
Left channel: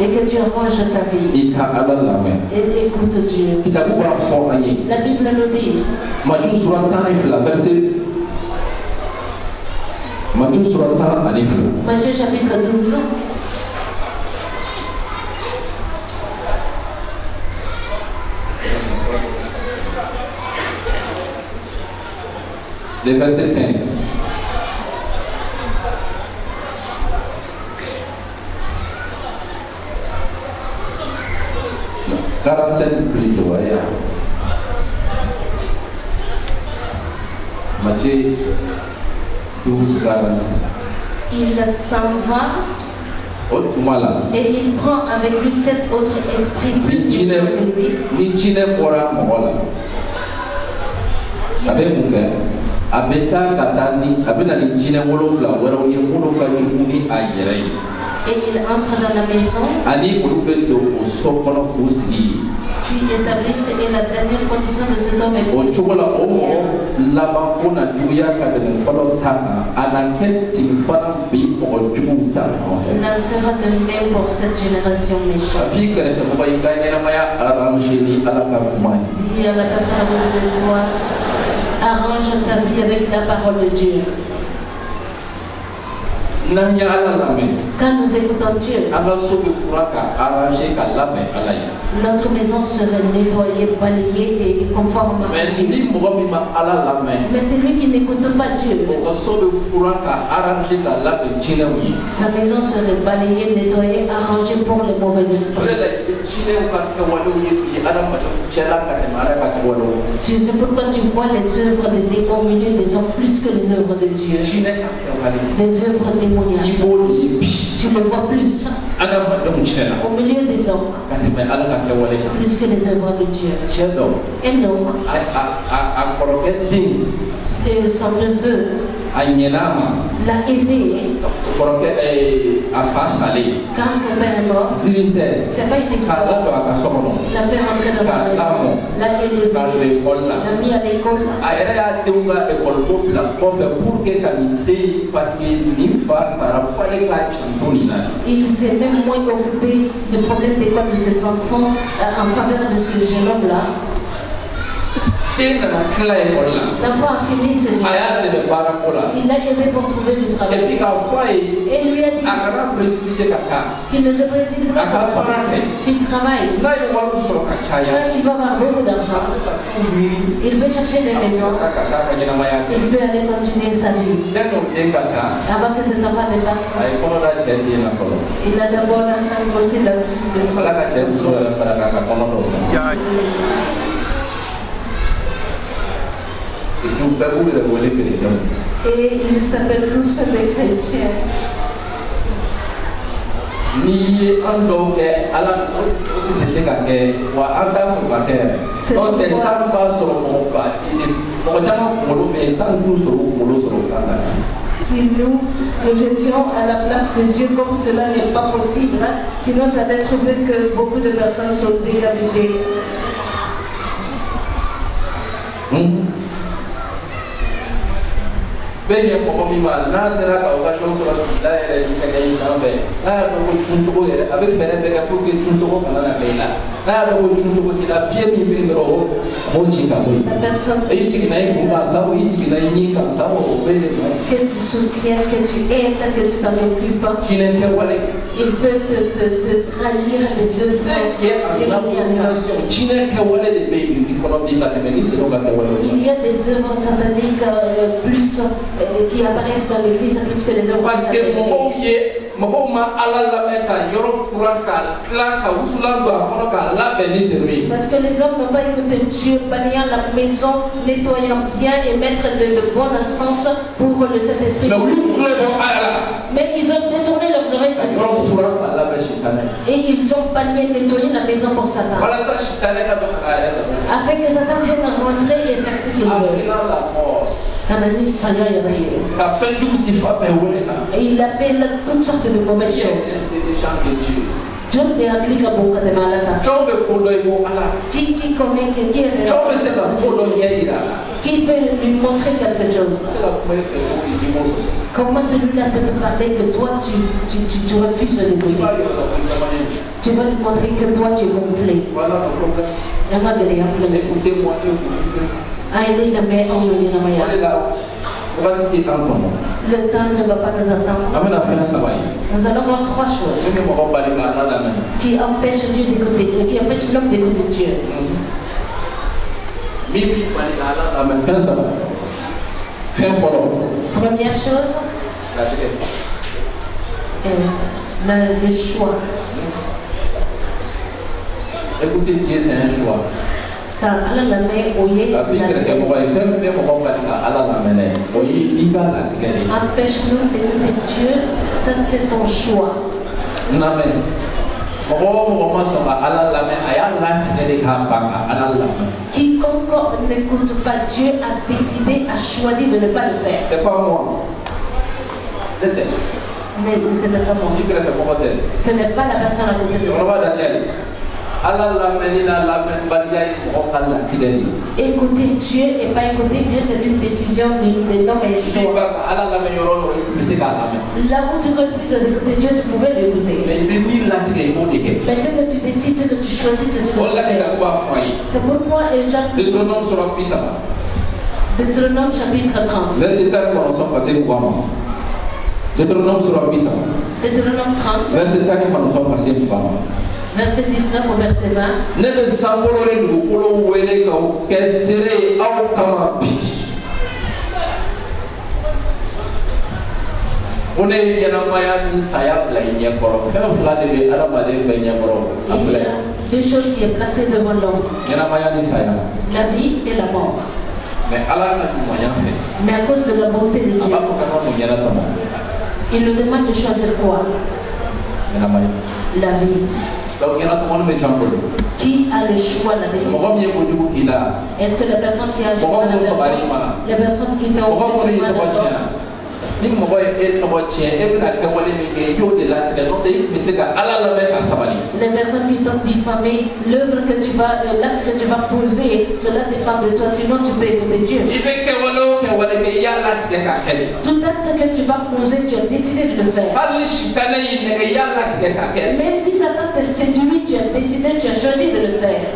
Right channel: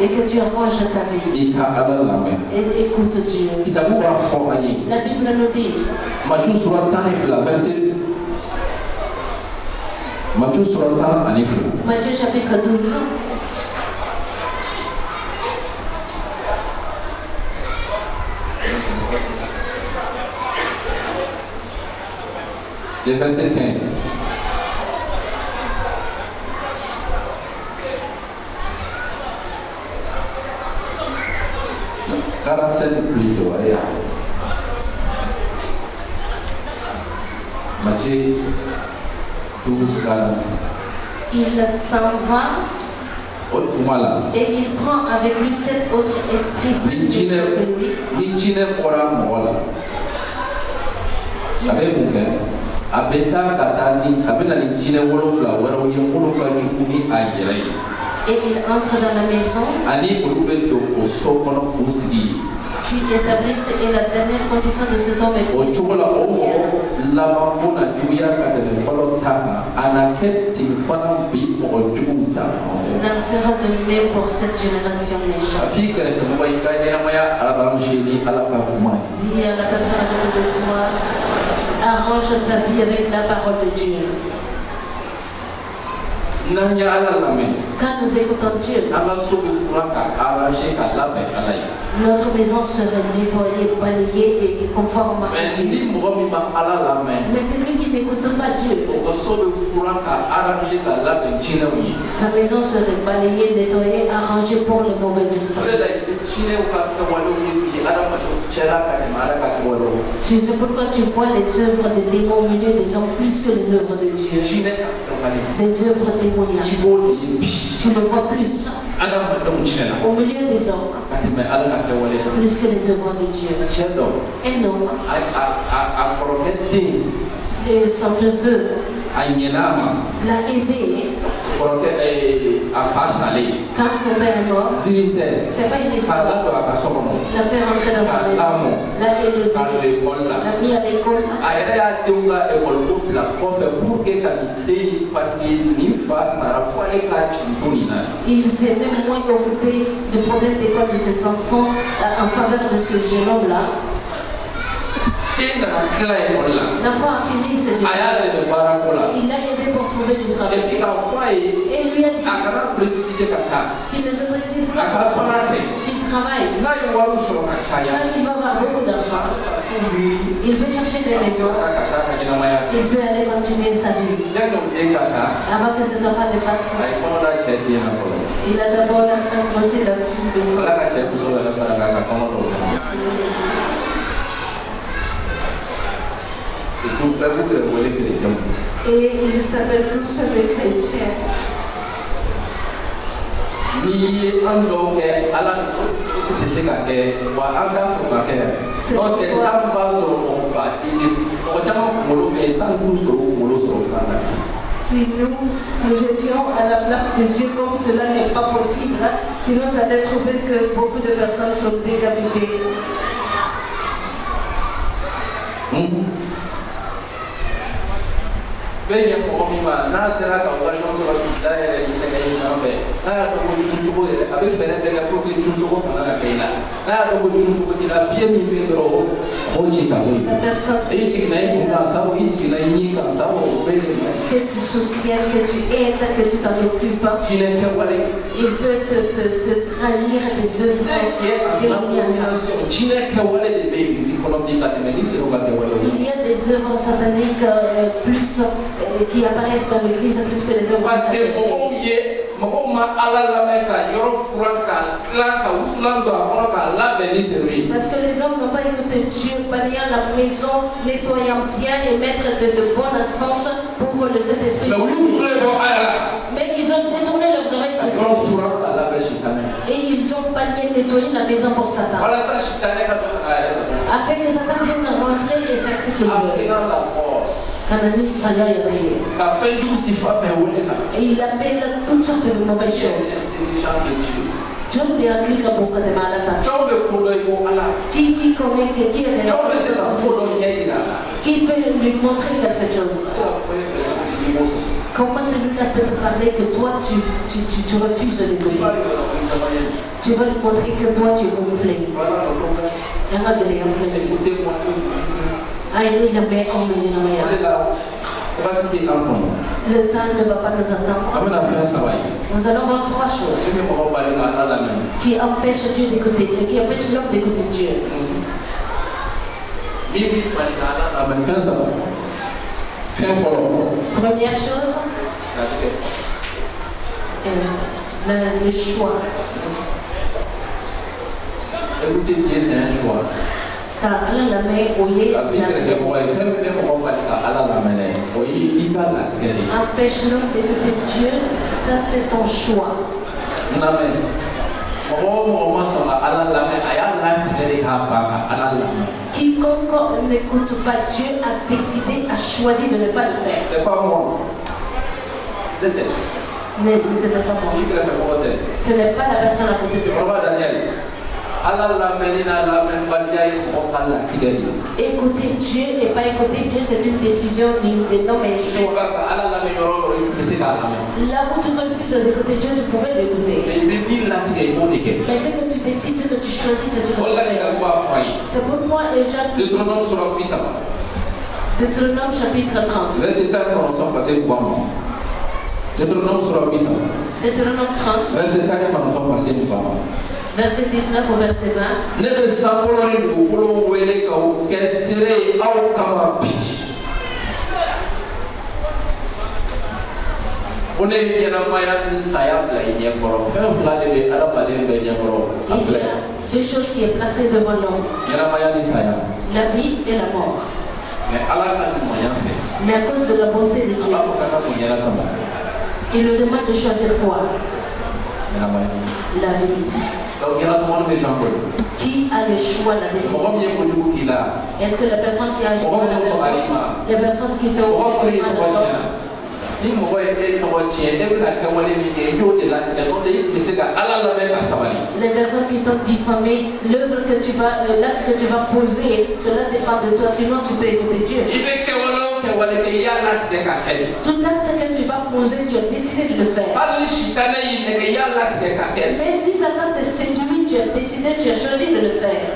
Et que tu arranges ta vie. Et écoute Dieu. La Bible nous dit. Matthieu chapitre 12. Le verset 15. Matthieu 12, 45. Il s'en va et il prend avec lui 7 autres esprits plus méchants que lui. Et il entre dans la maison, s'y établissent, et la dernière condition de cet homme est n'en sera de même pour cette génération méchante. Dis à la personne à côté de toi, arrange ta vie avec la parole de Dieu. Quand nous écoutons Dieu, notre maison serait nettoyée, balayée et conforme à Dieu. Mais c'est lui qui n'écoute pas Dieu. Sa maison serait balayée, nettoyée, arrangée pour les mauvais esprits. C'est pourquoi tu vois les œuvres des démons au milieu des hommes plus que les œuvres de Dieu. Les œuvres démoniaques. Tu le vois plus au milieu des hommes plus que les œuvres de Dieu. Un homme, c'est son neveu, l'a aidé quand son père est mort. C'est pas une histoire. L'a fait rentrer dans sa maison, l'a élevé, l'a mis à l'école. Il s'est même moins occupé du problème d'école de ses enfants en faveur de ce jeune homme-là. L'enfant a fini ses études. Il a aidé pour trouver du travail. Et lui a dit qu'il ne se précipite pas, qu'il travaille. Quand il va avoir beaucoup d'argent, il peut chercher des maisons. Il peut aller continuer sa vie. Avant que cet enfant ne parte, il a d'abord aussi la fille de son. Et ils s'appellent tous des chrétiens. Si nous étions à la place de Dieu comme cela n'est pas possible, sinon ça allait trouver que beaucoup de personnes sont décapitées. La personne que tu soutiens, que tu aides, que tu t'en occupes, il peut te trahir les œuvres. Il y a des œuvres sataniques plus qui apparaissent dans l'église plus que les œuvres sataniques. Parce que les hommes n'ont pas écouté Dieu, balayant la maison, nettoyant bien et mettre de bon encens pour le Saint-Esprit. Mais ils ont détourné leurs oreilles de Dieu. Et ils ont balayé, nettoyé la maison pour Satan. Afin que Satan vienne rentrer et faire ce qu'il veut. Et il appelle toutes sortes de mauvaises choses. Dieu te applique beaucoup de malades. Qui connaît, qui est qui peut lui montrer quelque chose. Comment celui-là peut te parler que toi tu refuses d'écouter. Tu vas lui montrer que toi tu es gonflé. Le temps ne va pas nous attendre. Nous allons voir trois choses qui empêchent Dieu d'écouter, qui empêchent l'homme d'écouter Dieu. Première chose, le choix. Écouter Dieu, c'est un choix. Empêche-nous d'écouter Dieu, ça c'est ton choix. Quiconque n'écoute pas Dieu a décidé, a choisi de ne pas le faire. C'est pas moi. Mais ce n'est pas moi. Ce n'est pas la personne à côté de toi. Écouter Dieu et pas écouter Dieu, c'est une décision d'un homme et choix. Là où tu refuses d'écouter Dieu, tu pouvais l'écouter. Mais ce que tu décides, ce que tu choisis, c'est ce que tu fais. C'est pourquoi Deutéronome chapitre 30. Deutéronome 30. Verset 19 au verset 20. Il y a deux choses qui est placées devant l'homme. La vie et la mort. Mais à cause de la bonté de Dieu, il nous demande de choisir quoi? La vie. Qui a le choix, la décision? Est-ce que la personne qui a le choix, la personne qui t'a envoyé les personnes qui t'ont diffamé, l'œuvre que tu vas, l'acte que tu vas poser, cela dépend de toi, sinon tu peux écouter Dieu. Tout acte que tu vas poser, tu as décidé de le faire. Même si Satan te séduit, tu as décidé, tu as choisi de le faire.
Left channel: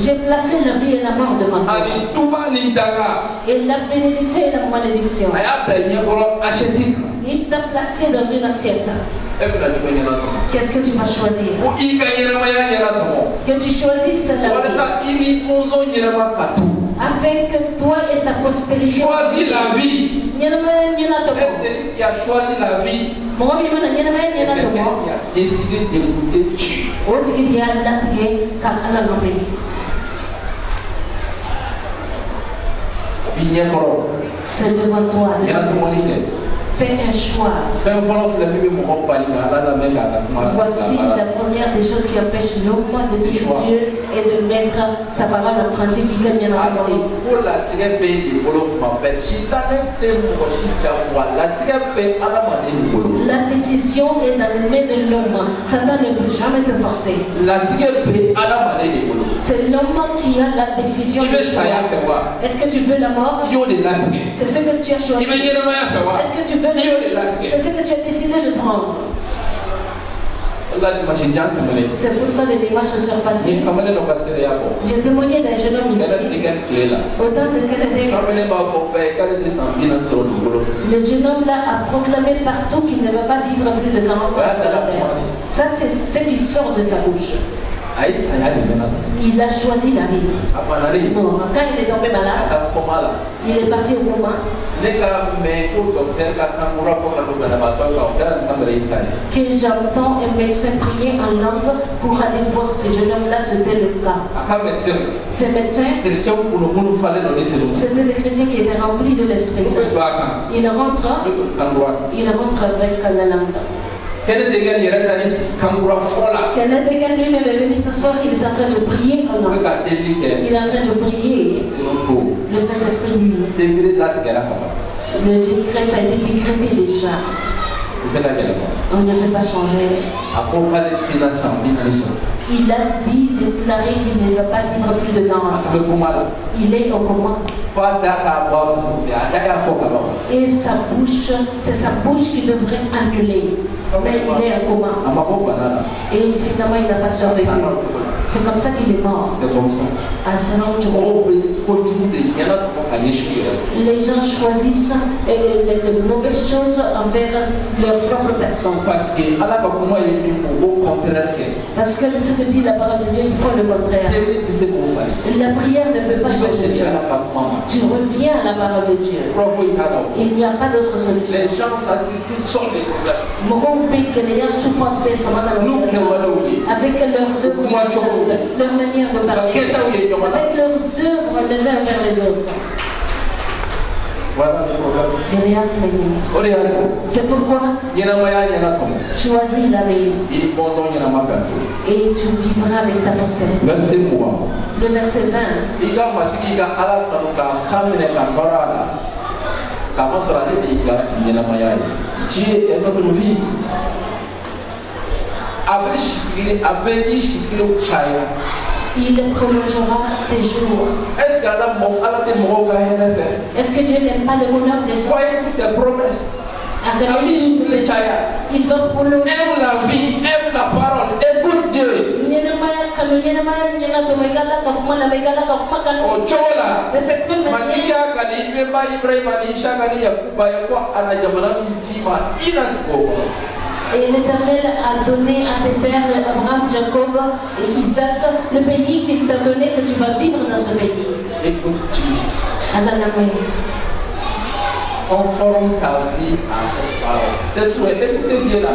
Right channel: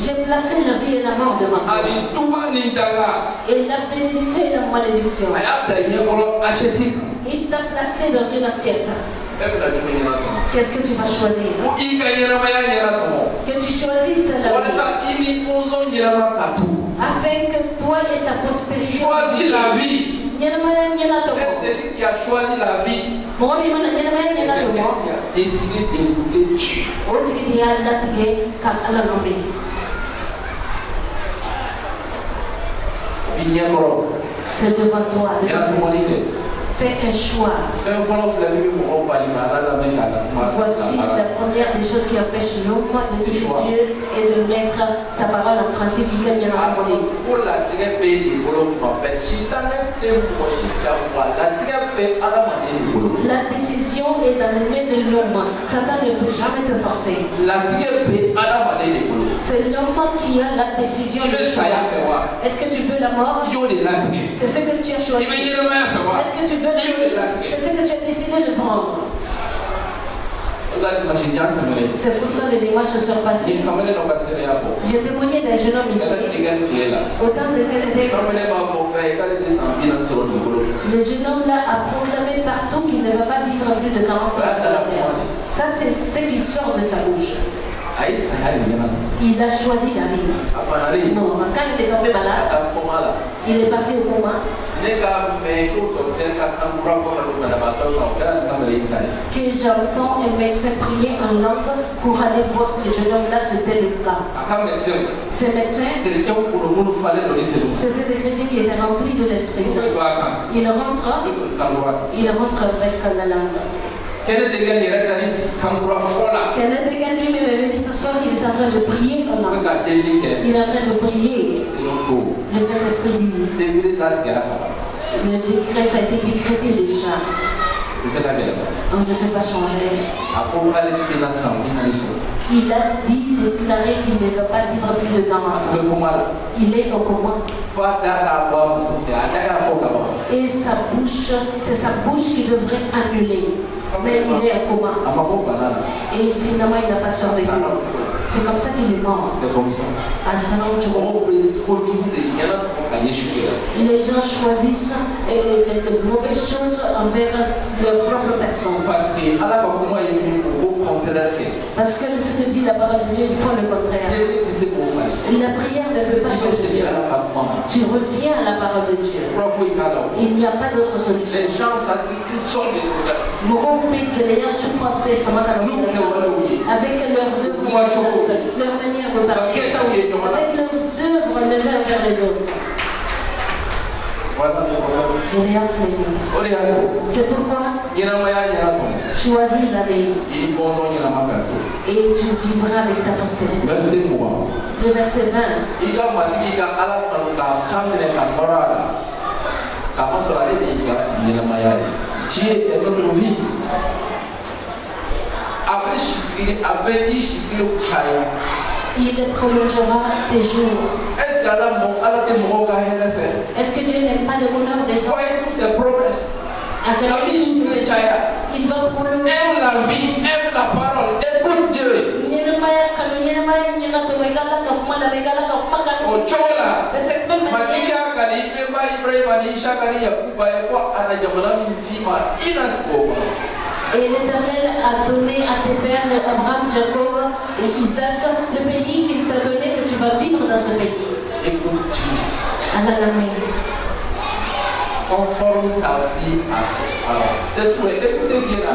J'ai placé la vie et la mort devant toi. Et la bénédiction et la malédiction. Il t'a placé dans une assiette. Qu'est-ce que tu vas choisir? Que tu choisisses la vie. Afin que toi et ta postérité. Choisis la vie. C'est celui qui a choisi la vie. Quelqu'un qui a décidé d'écouter Dieu. C'est devant toi. Fais un choix. Voici la première des choses qui empêche l'homme de vivre Dieu et de mettre sa parole en pratique. La décision est dans les mains de l'homme. Satan ne peut jamais te forcer. C'est l'homme qui a la décision. Est-ce que tu veux la mort? C'est ce que tu as choisi. Est-ce que tu veux? C'est ce que tu as décidé de prendre. C'est pourquoi les démarches se sont passées. J'ai témoigné d'un jeune homme ici. Autant de Canada. Le jeune homme là a proclamé partout qu'il ne va pas vivre plus de 40 ans sur la terre. Ça, c'est ce qui sort de sa bouche. Il a choisi la vie. Non, quand il est tombé malade, il est parti au coma. Que j'entends un médecin prier en langue pour aller voir ce jeune homme-là, c'était le cas. Ces médecins, c'était des chrétiens qui étaient remplis de l'Esprit Saint. Il rentre avec la langue. Kenneth Egan lui-même est venu s'asseoir, il est en train de prier en langue. Il est en train de prier. Le Saint-Esprit dit. Le décret, ça a été décrété déjà. On ne peut pas changer. Il a dit, déclaré qu'il ne va pas vivre plus de 40 ans. Il est au coma. Et sa bouche, c'est sa bouche qui devrait annuler. Mais il est au coma. Et finalement, il n'a pas survécu. C'est comme ça qu'il est mort. C'est comme ça. Les gens choisissent les mauvaises choses envers leur propre personne. Parce que ce que dit la parole de Dieu, il faut le contraire. La prière ne peut pas changer. Tu reviens à la parole de Dieu. Il n'y a pas d'autre solution. Les gens s'attirent toutes sortes de problèmes. Avec leurs œuvres, leur manière de parler, avec leurs œuvres les uns vers les autres. C'est pourquoi choisis la vie et tu vivras avec ta postérité. Le verset 20. Dieu est notre vie. Il prolongera tes jours. Est-ce que Dieu n'aime pas le bonheur des gens? Il va prolonger. Aime la vie, aime la parole, écoute Dieu. Et l'Éternel a donné à tes pères Abraham, Jacob et Isaac le pays qu'il t'a donné, que tu vas vivre dans ce pays. Conforme ta vie à cette parole. C'est tout. Écoutez Dieu là.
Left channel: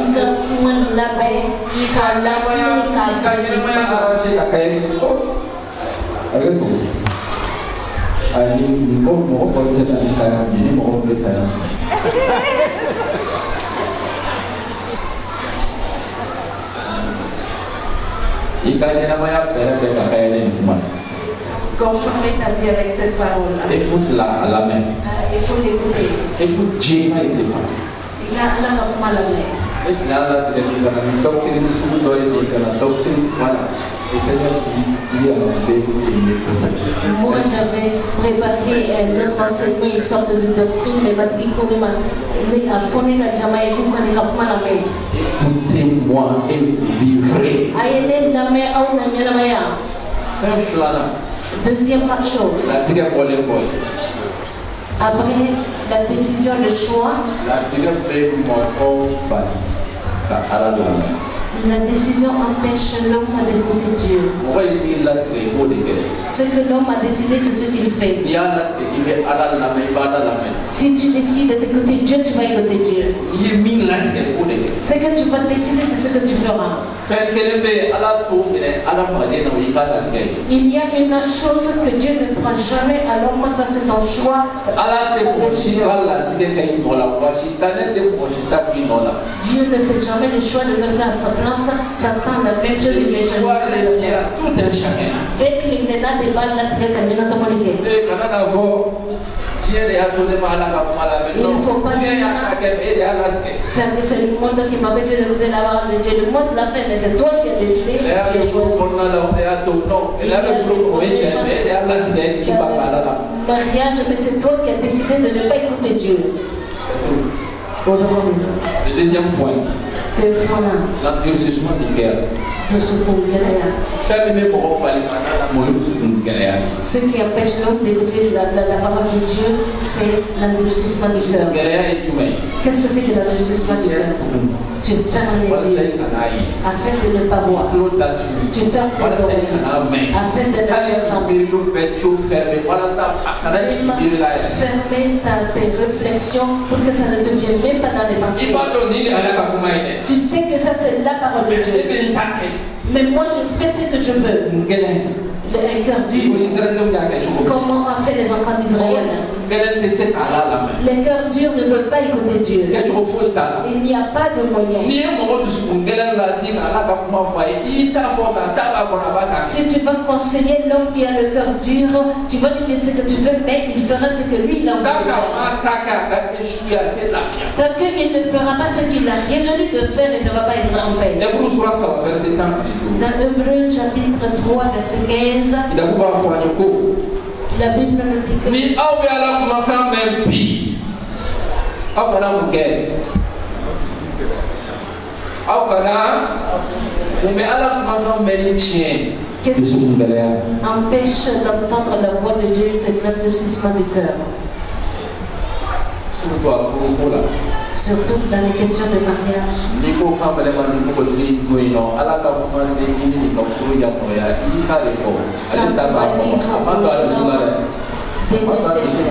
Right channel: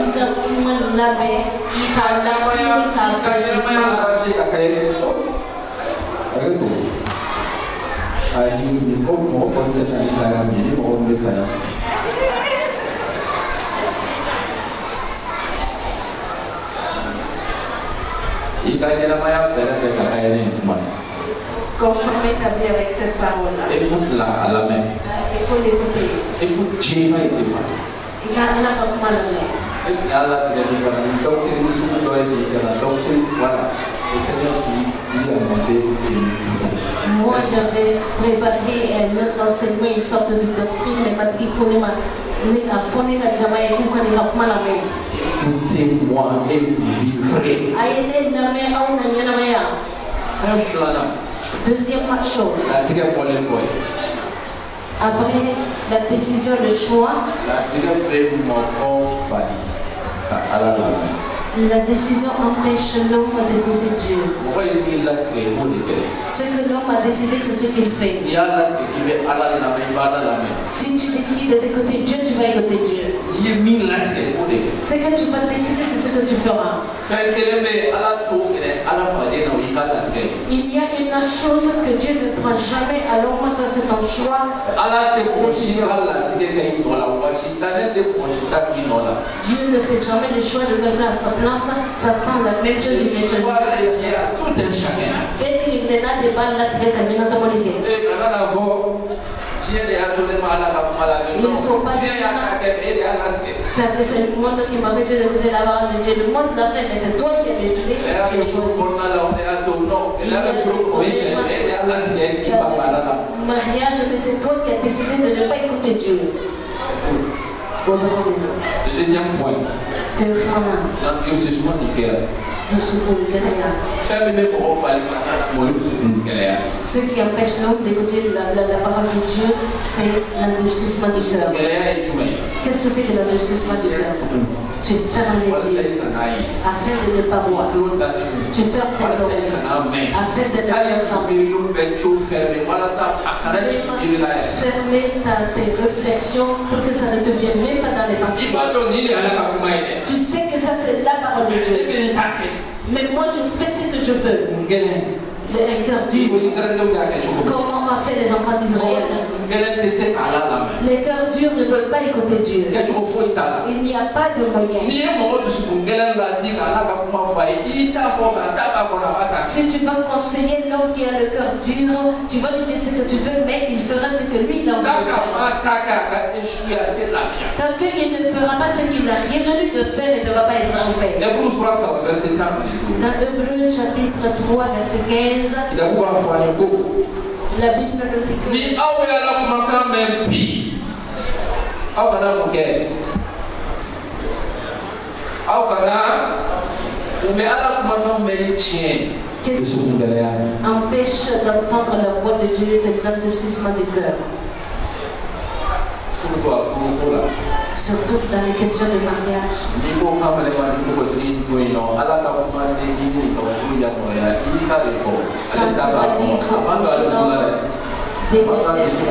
Conformer ta vie avec cette parole-là. Écoute-la à la main. Il faut l'écouter. Écoute Dieu. Il a la main. Moi, j'avais préparé un autre enseignement, une sorte de doctrine, mais écoutez-moi et vivrez. Deuxième chose. Après la décision, le choix, la décision empêche l'homme d'écouter Dieu. Ce que l'homme a décidé, c'est ce qu'il fait. Si tu décides d'écouter Dieu, tu vas écouter Dieu. Ce que tu vas décider, c'est ce que tu feras. Il y a une chose que Dieu ne prend jamais, alors moi ça c'est ton choix. Dieu ne fait jamais le choix de quelqu'un à sa place. Satan la même chose, il fait tout un chacun. Dès qu'il y a des balles là, il ne faut pas dire c'est le monde qui m'empêche de vous la parole de Dieu. Le monde l'a fait, mais c'est toi qui as décidé. Tu as choisi. Mariage, mais c'est toi qui as décidé de ne pas écouter Dieu. Le deuxième point, l'endurcissement du cœur. Ce qui empêche l'homme d'écouter la parole de Dieu, c'est l'endurcissement du cœur. Qu'est-ce que c'est que l'endurcissement du cœur? Tu fermes les yeux afin de ne pas voir. Tu fermes tes oreilles afin de ne pas entendre. Fermer tes réflexions pour que ça ne te vienne même pas dans les pensées. Tu sais que ça c'est la parole de Dieu. Mais moi je fais ce que je veux. Un cœur dur. Comment a fait les enfants d'Israël? Les cœurs durs ne veulent pas écouter Dieu. Il n'y a pas de moyen. Si tu vas conseiller l'homme qui a le cœur dur, tu vas lui dire ce que tu veux, mais il fera ce que lui il a envie de faire. Tant qu'il ne fera pas ce qu'il a résolu de faire, il ne va pas être en paix. Dans Hébreux chapitre 3, verset 15. La Bible nous dit que qu'est-ce qui empêche d'entendre la voix de Dieu? C'est l'endurcissement du cœur. Surtout dans les questions de mariage.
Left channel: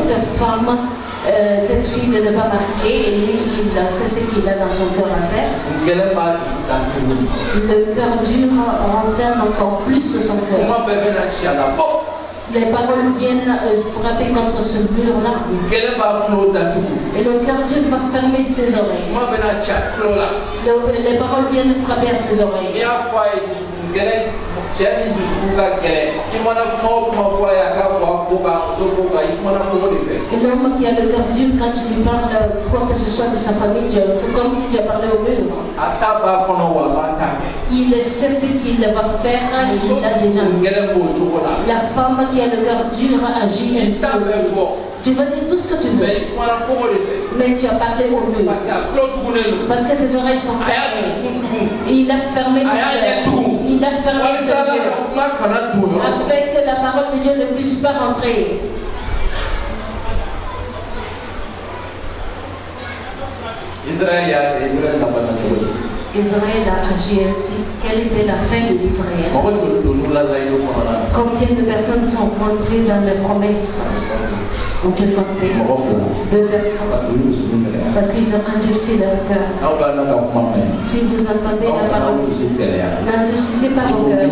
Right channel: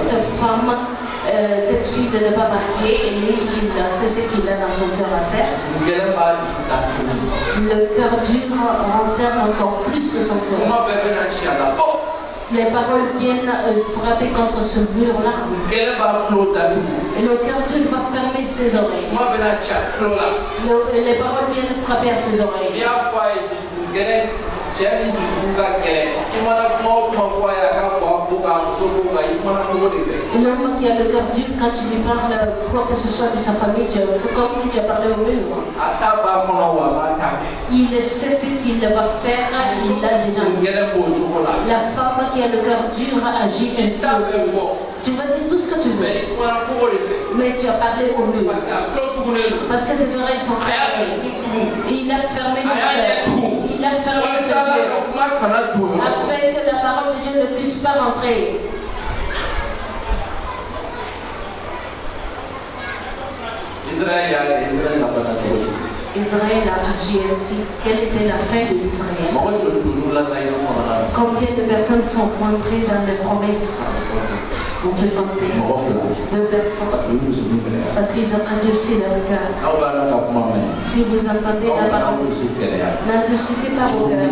Cette femme, cette fille de ne pas marier, et lui, c'est ce qu'il a dans son cœur à faire. Le cœur dur renferme encore plus son cœur. Les paroles viennent frapper contre ce mur-là. Et le cœur dur va fermer ses oreilles. Les paroles viennent frapper à ses oreilles. L'homme qui a le cœur dur, quand tu lui parles quoi que ce soit de sa famille, c'est comme si tu as parlé au mur. Il sait ce qu'il va faire, il a déjà. La femme qui a le cœur dur agit ainsi aussi. Tu vas dire tout ce que tu veux, mais tu as parlé au mur. Parce que ses oreilles sont fermées. Il a fermé son cœur. Il a fermé ses yeux afin que la parole de Dieu ne puisse pas rentrer. Israël a agi ainsi. Quelle était la fin de l'Israël? Combien de personnes sont rentrées dans les promesses? On peut compter 2 personnes parce qu'ils ont endurci leur cœur. Si vous entendez la parole, n'endurcissez pas vos cœurs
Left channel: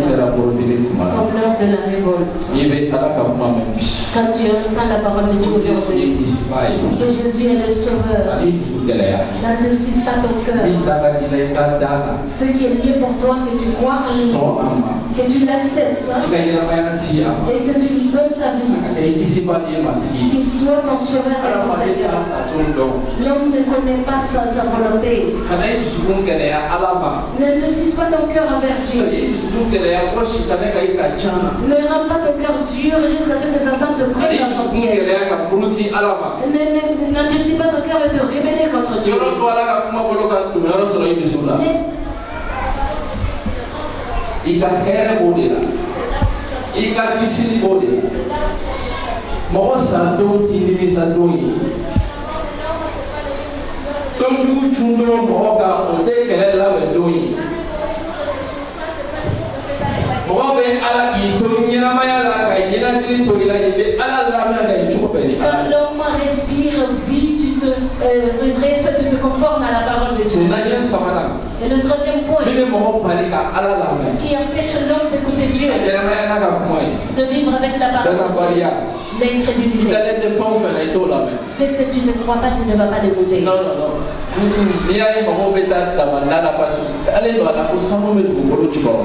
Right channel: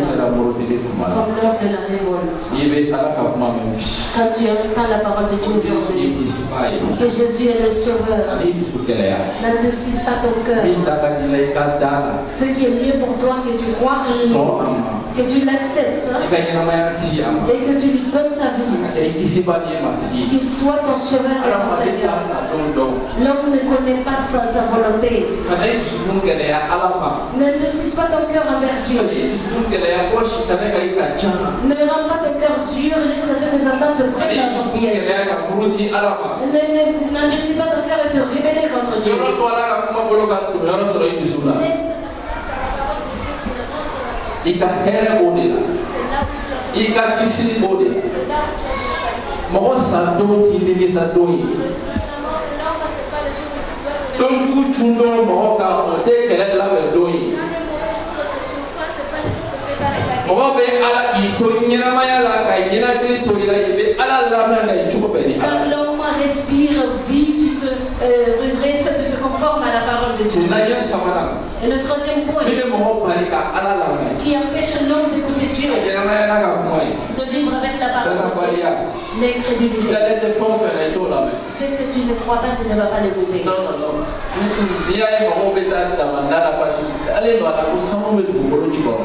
comme lors de la révolte. Quand tu entends la parole de Dieu aujourd'hui, que Jésus est le Sauveur, n'endurcisse pas ton cœur. Ce qui est mieux pour toi, que tu crois en lui, que tu l'acceptes et que tu lui donnes ta vie. Qu'il soit ton Sauveur et ton Seigneur. L'homme ne connaît pas sa volonté. Ne durcisse pas ton cœur envers Dieu. Ne rends pas ton cœur dur jusqu'à ce que Satan te prenne dans son piège. N'endurcis pas ton cœur et te rébeller contre Dieu. Comme tout chundo moka ote kele la bedoi. Mobe ala ki to nyina maya la kai nyina tili to ila ibe ala la na ngai chuko beni. Quand l'homme respire, vit, tu te redresses, tu te conformes à la parole de Dieu. Et le troisième point qui empêche l'homme d'écouter Dieu, de vivre avec la parole de Dieu, l'incrédulité. Ce que tu ne crois pas, tu ne vas pas l'écouter.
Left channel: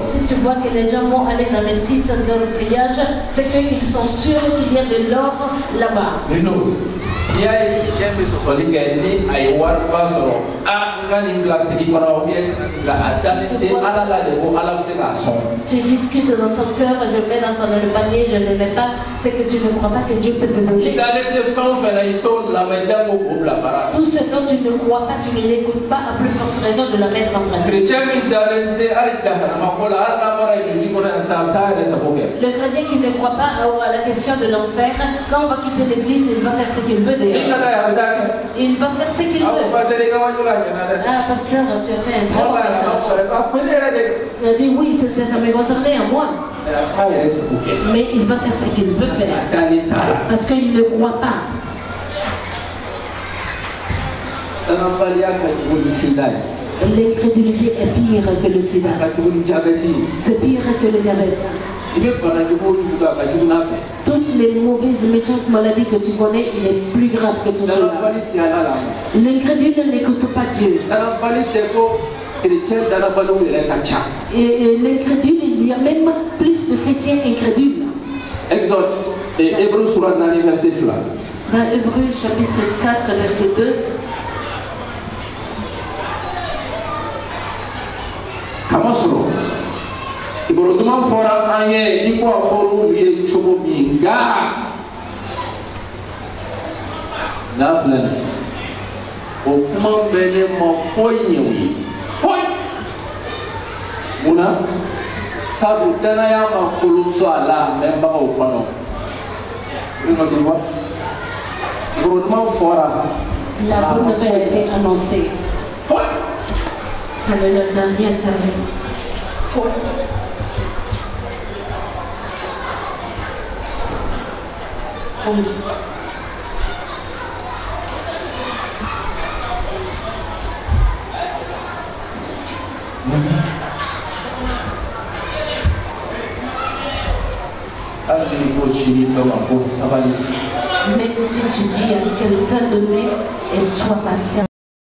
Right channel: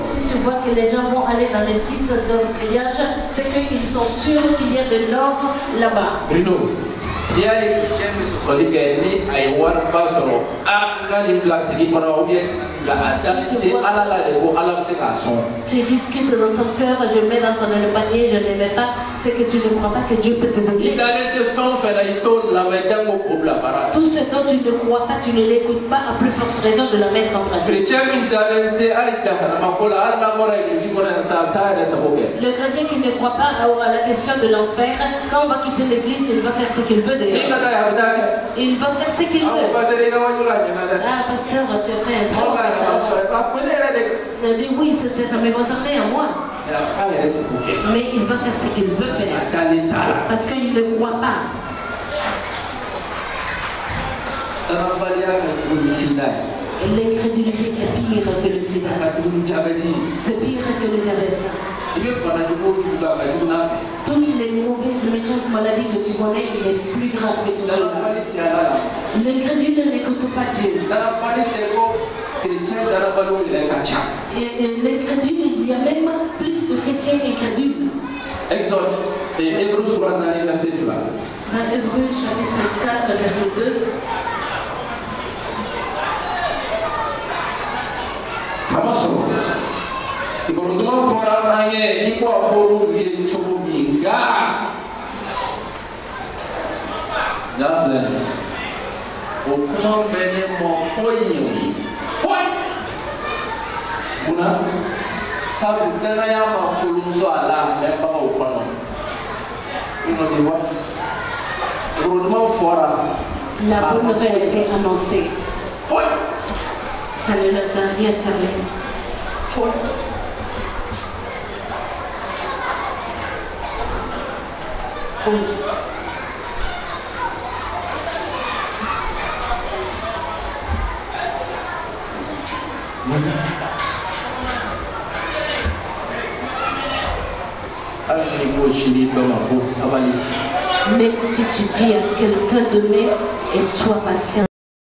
Si tu vois que les gens vont aller dans les sites de pliage, c'est qu'ils sont sûrs qu'il y a de l'or là-bas. Si tu discutes dans ton cœur, je mets dans le panier, je ne le mets pas, c'est que tu ne crois pas que Dieu peut te donner. Tout ce dont tu ne crois pas, tu ne l'écoutes pas, à plus forte raison de la mettre en pratique. Le chrétien qui ne croit pas à la question de l'enfer, quand on va quitter l'église, il va faire ce qu'il veut dehors. Il va faire ce qu'il veut. Ah, pasteur, tu as fait un très bon message. Il a dit oui, ça me concernait à moi. Mais il va faire ce qu'il veut faire. Parce qu'il ne croit pas. L'incrédulité est pire que le sida. C'est pire que le diabète. Toutes les mauvaises méchantes maladies que tu connais, il est plus grave que tout cela. L'incrédule n'écoute pas Dieu. Et l'incrédule, il y a même plus de chrétiens incrédules. Exode et Hébreux sur la verset 2. Dans Hébreux chapitre 4, verset 2. Kamasro. Iboloduma fora anye iko aforu ye chobo binga. Naflen. O kuma bene mo foyewi. Foy. Una sabu tena ya makulunso ala memba o pano. Ino diwa. Iboloduma fora. La bonne nouvelle était annoncée. Foy. Ça ne leur a rien servi. Foy. Même si tu dis à quelqu'un de donner et sois patient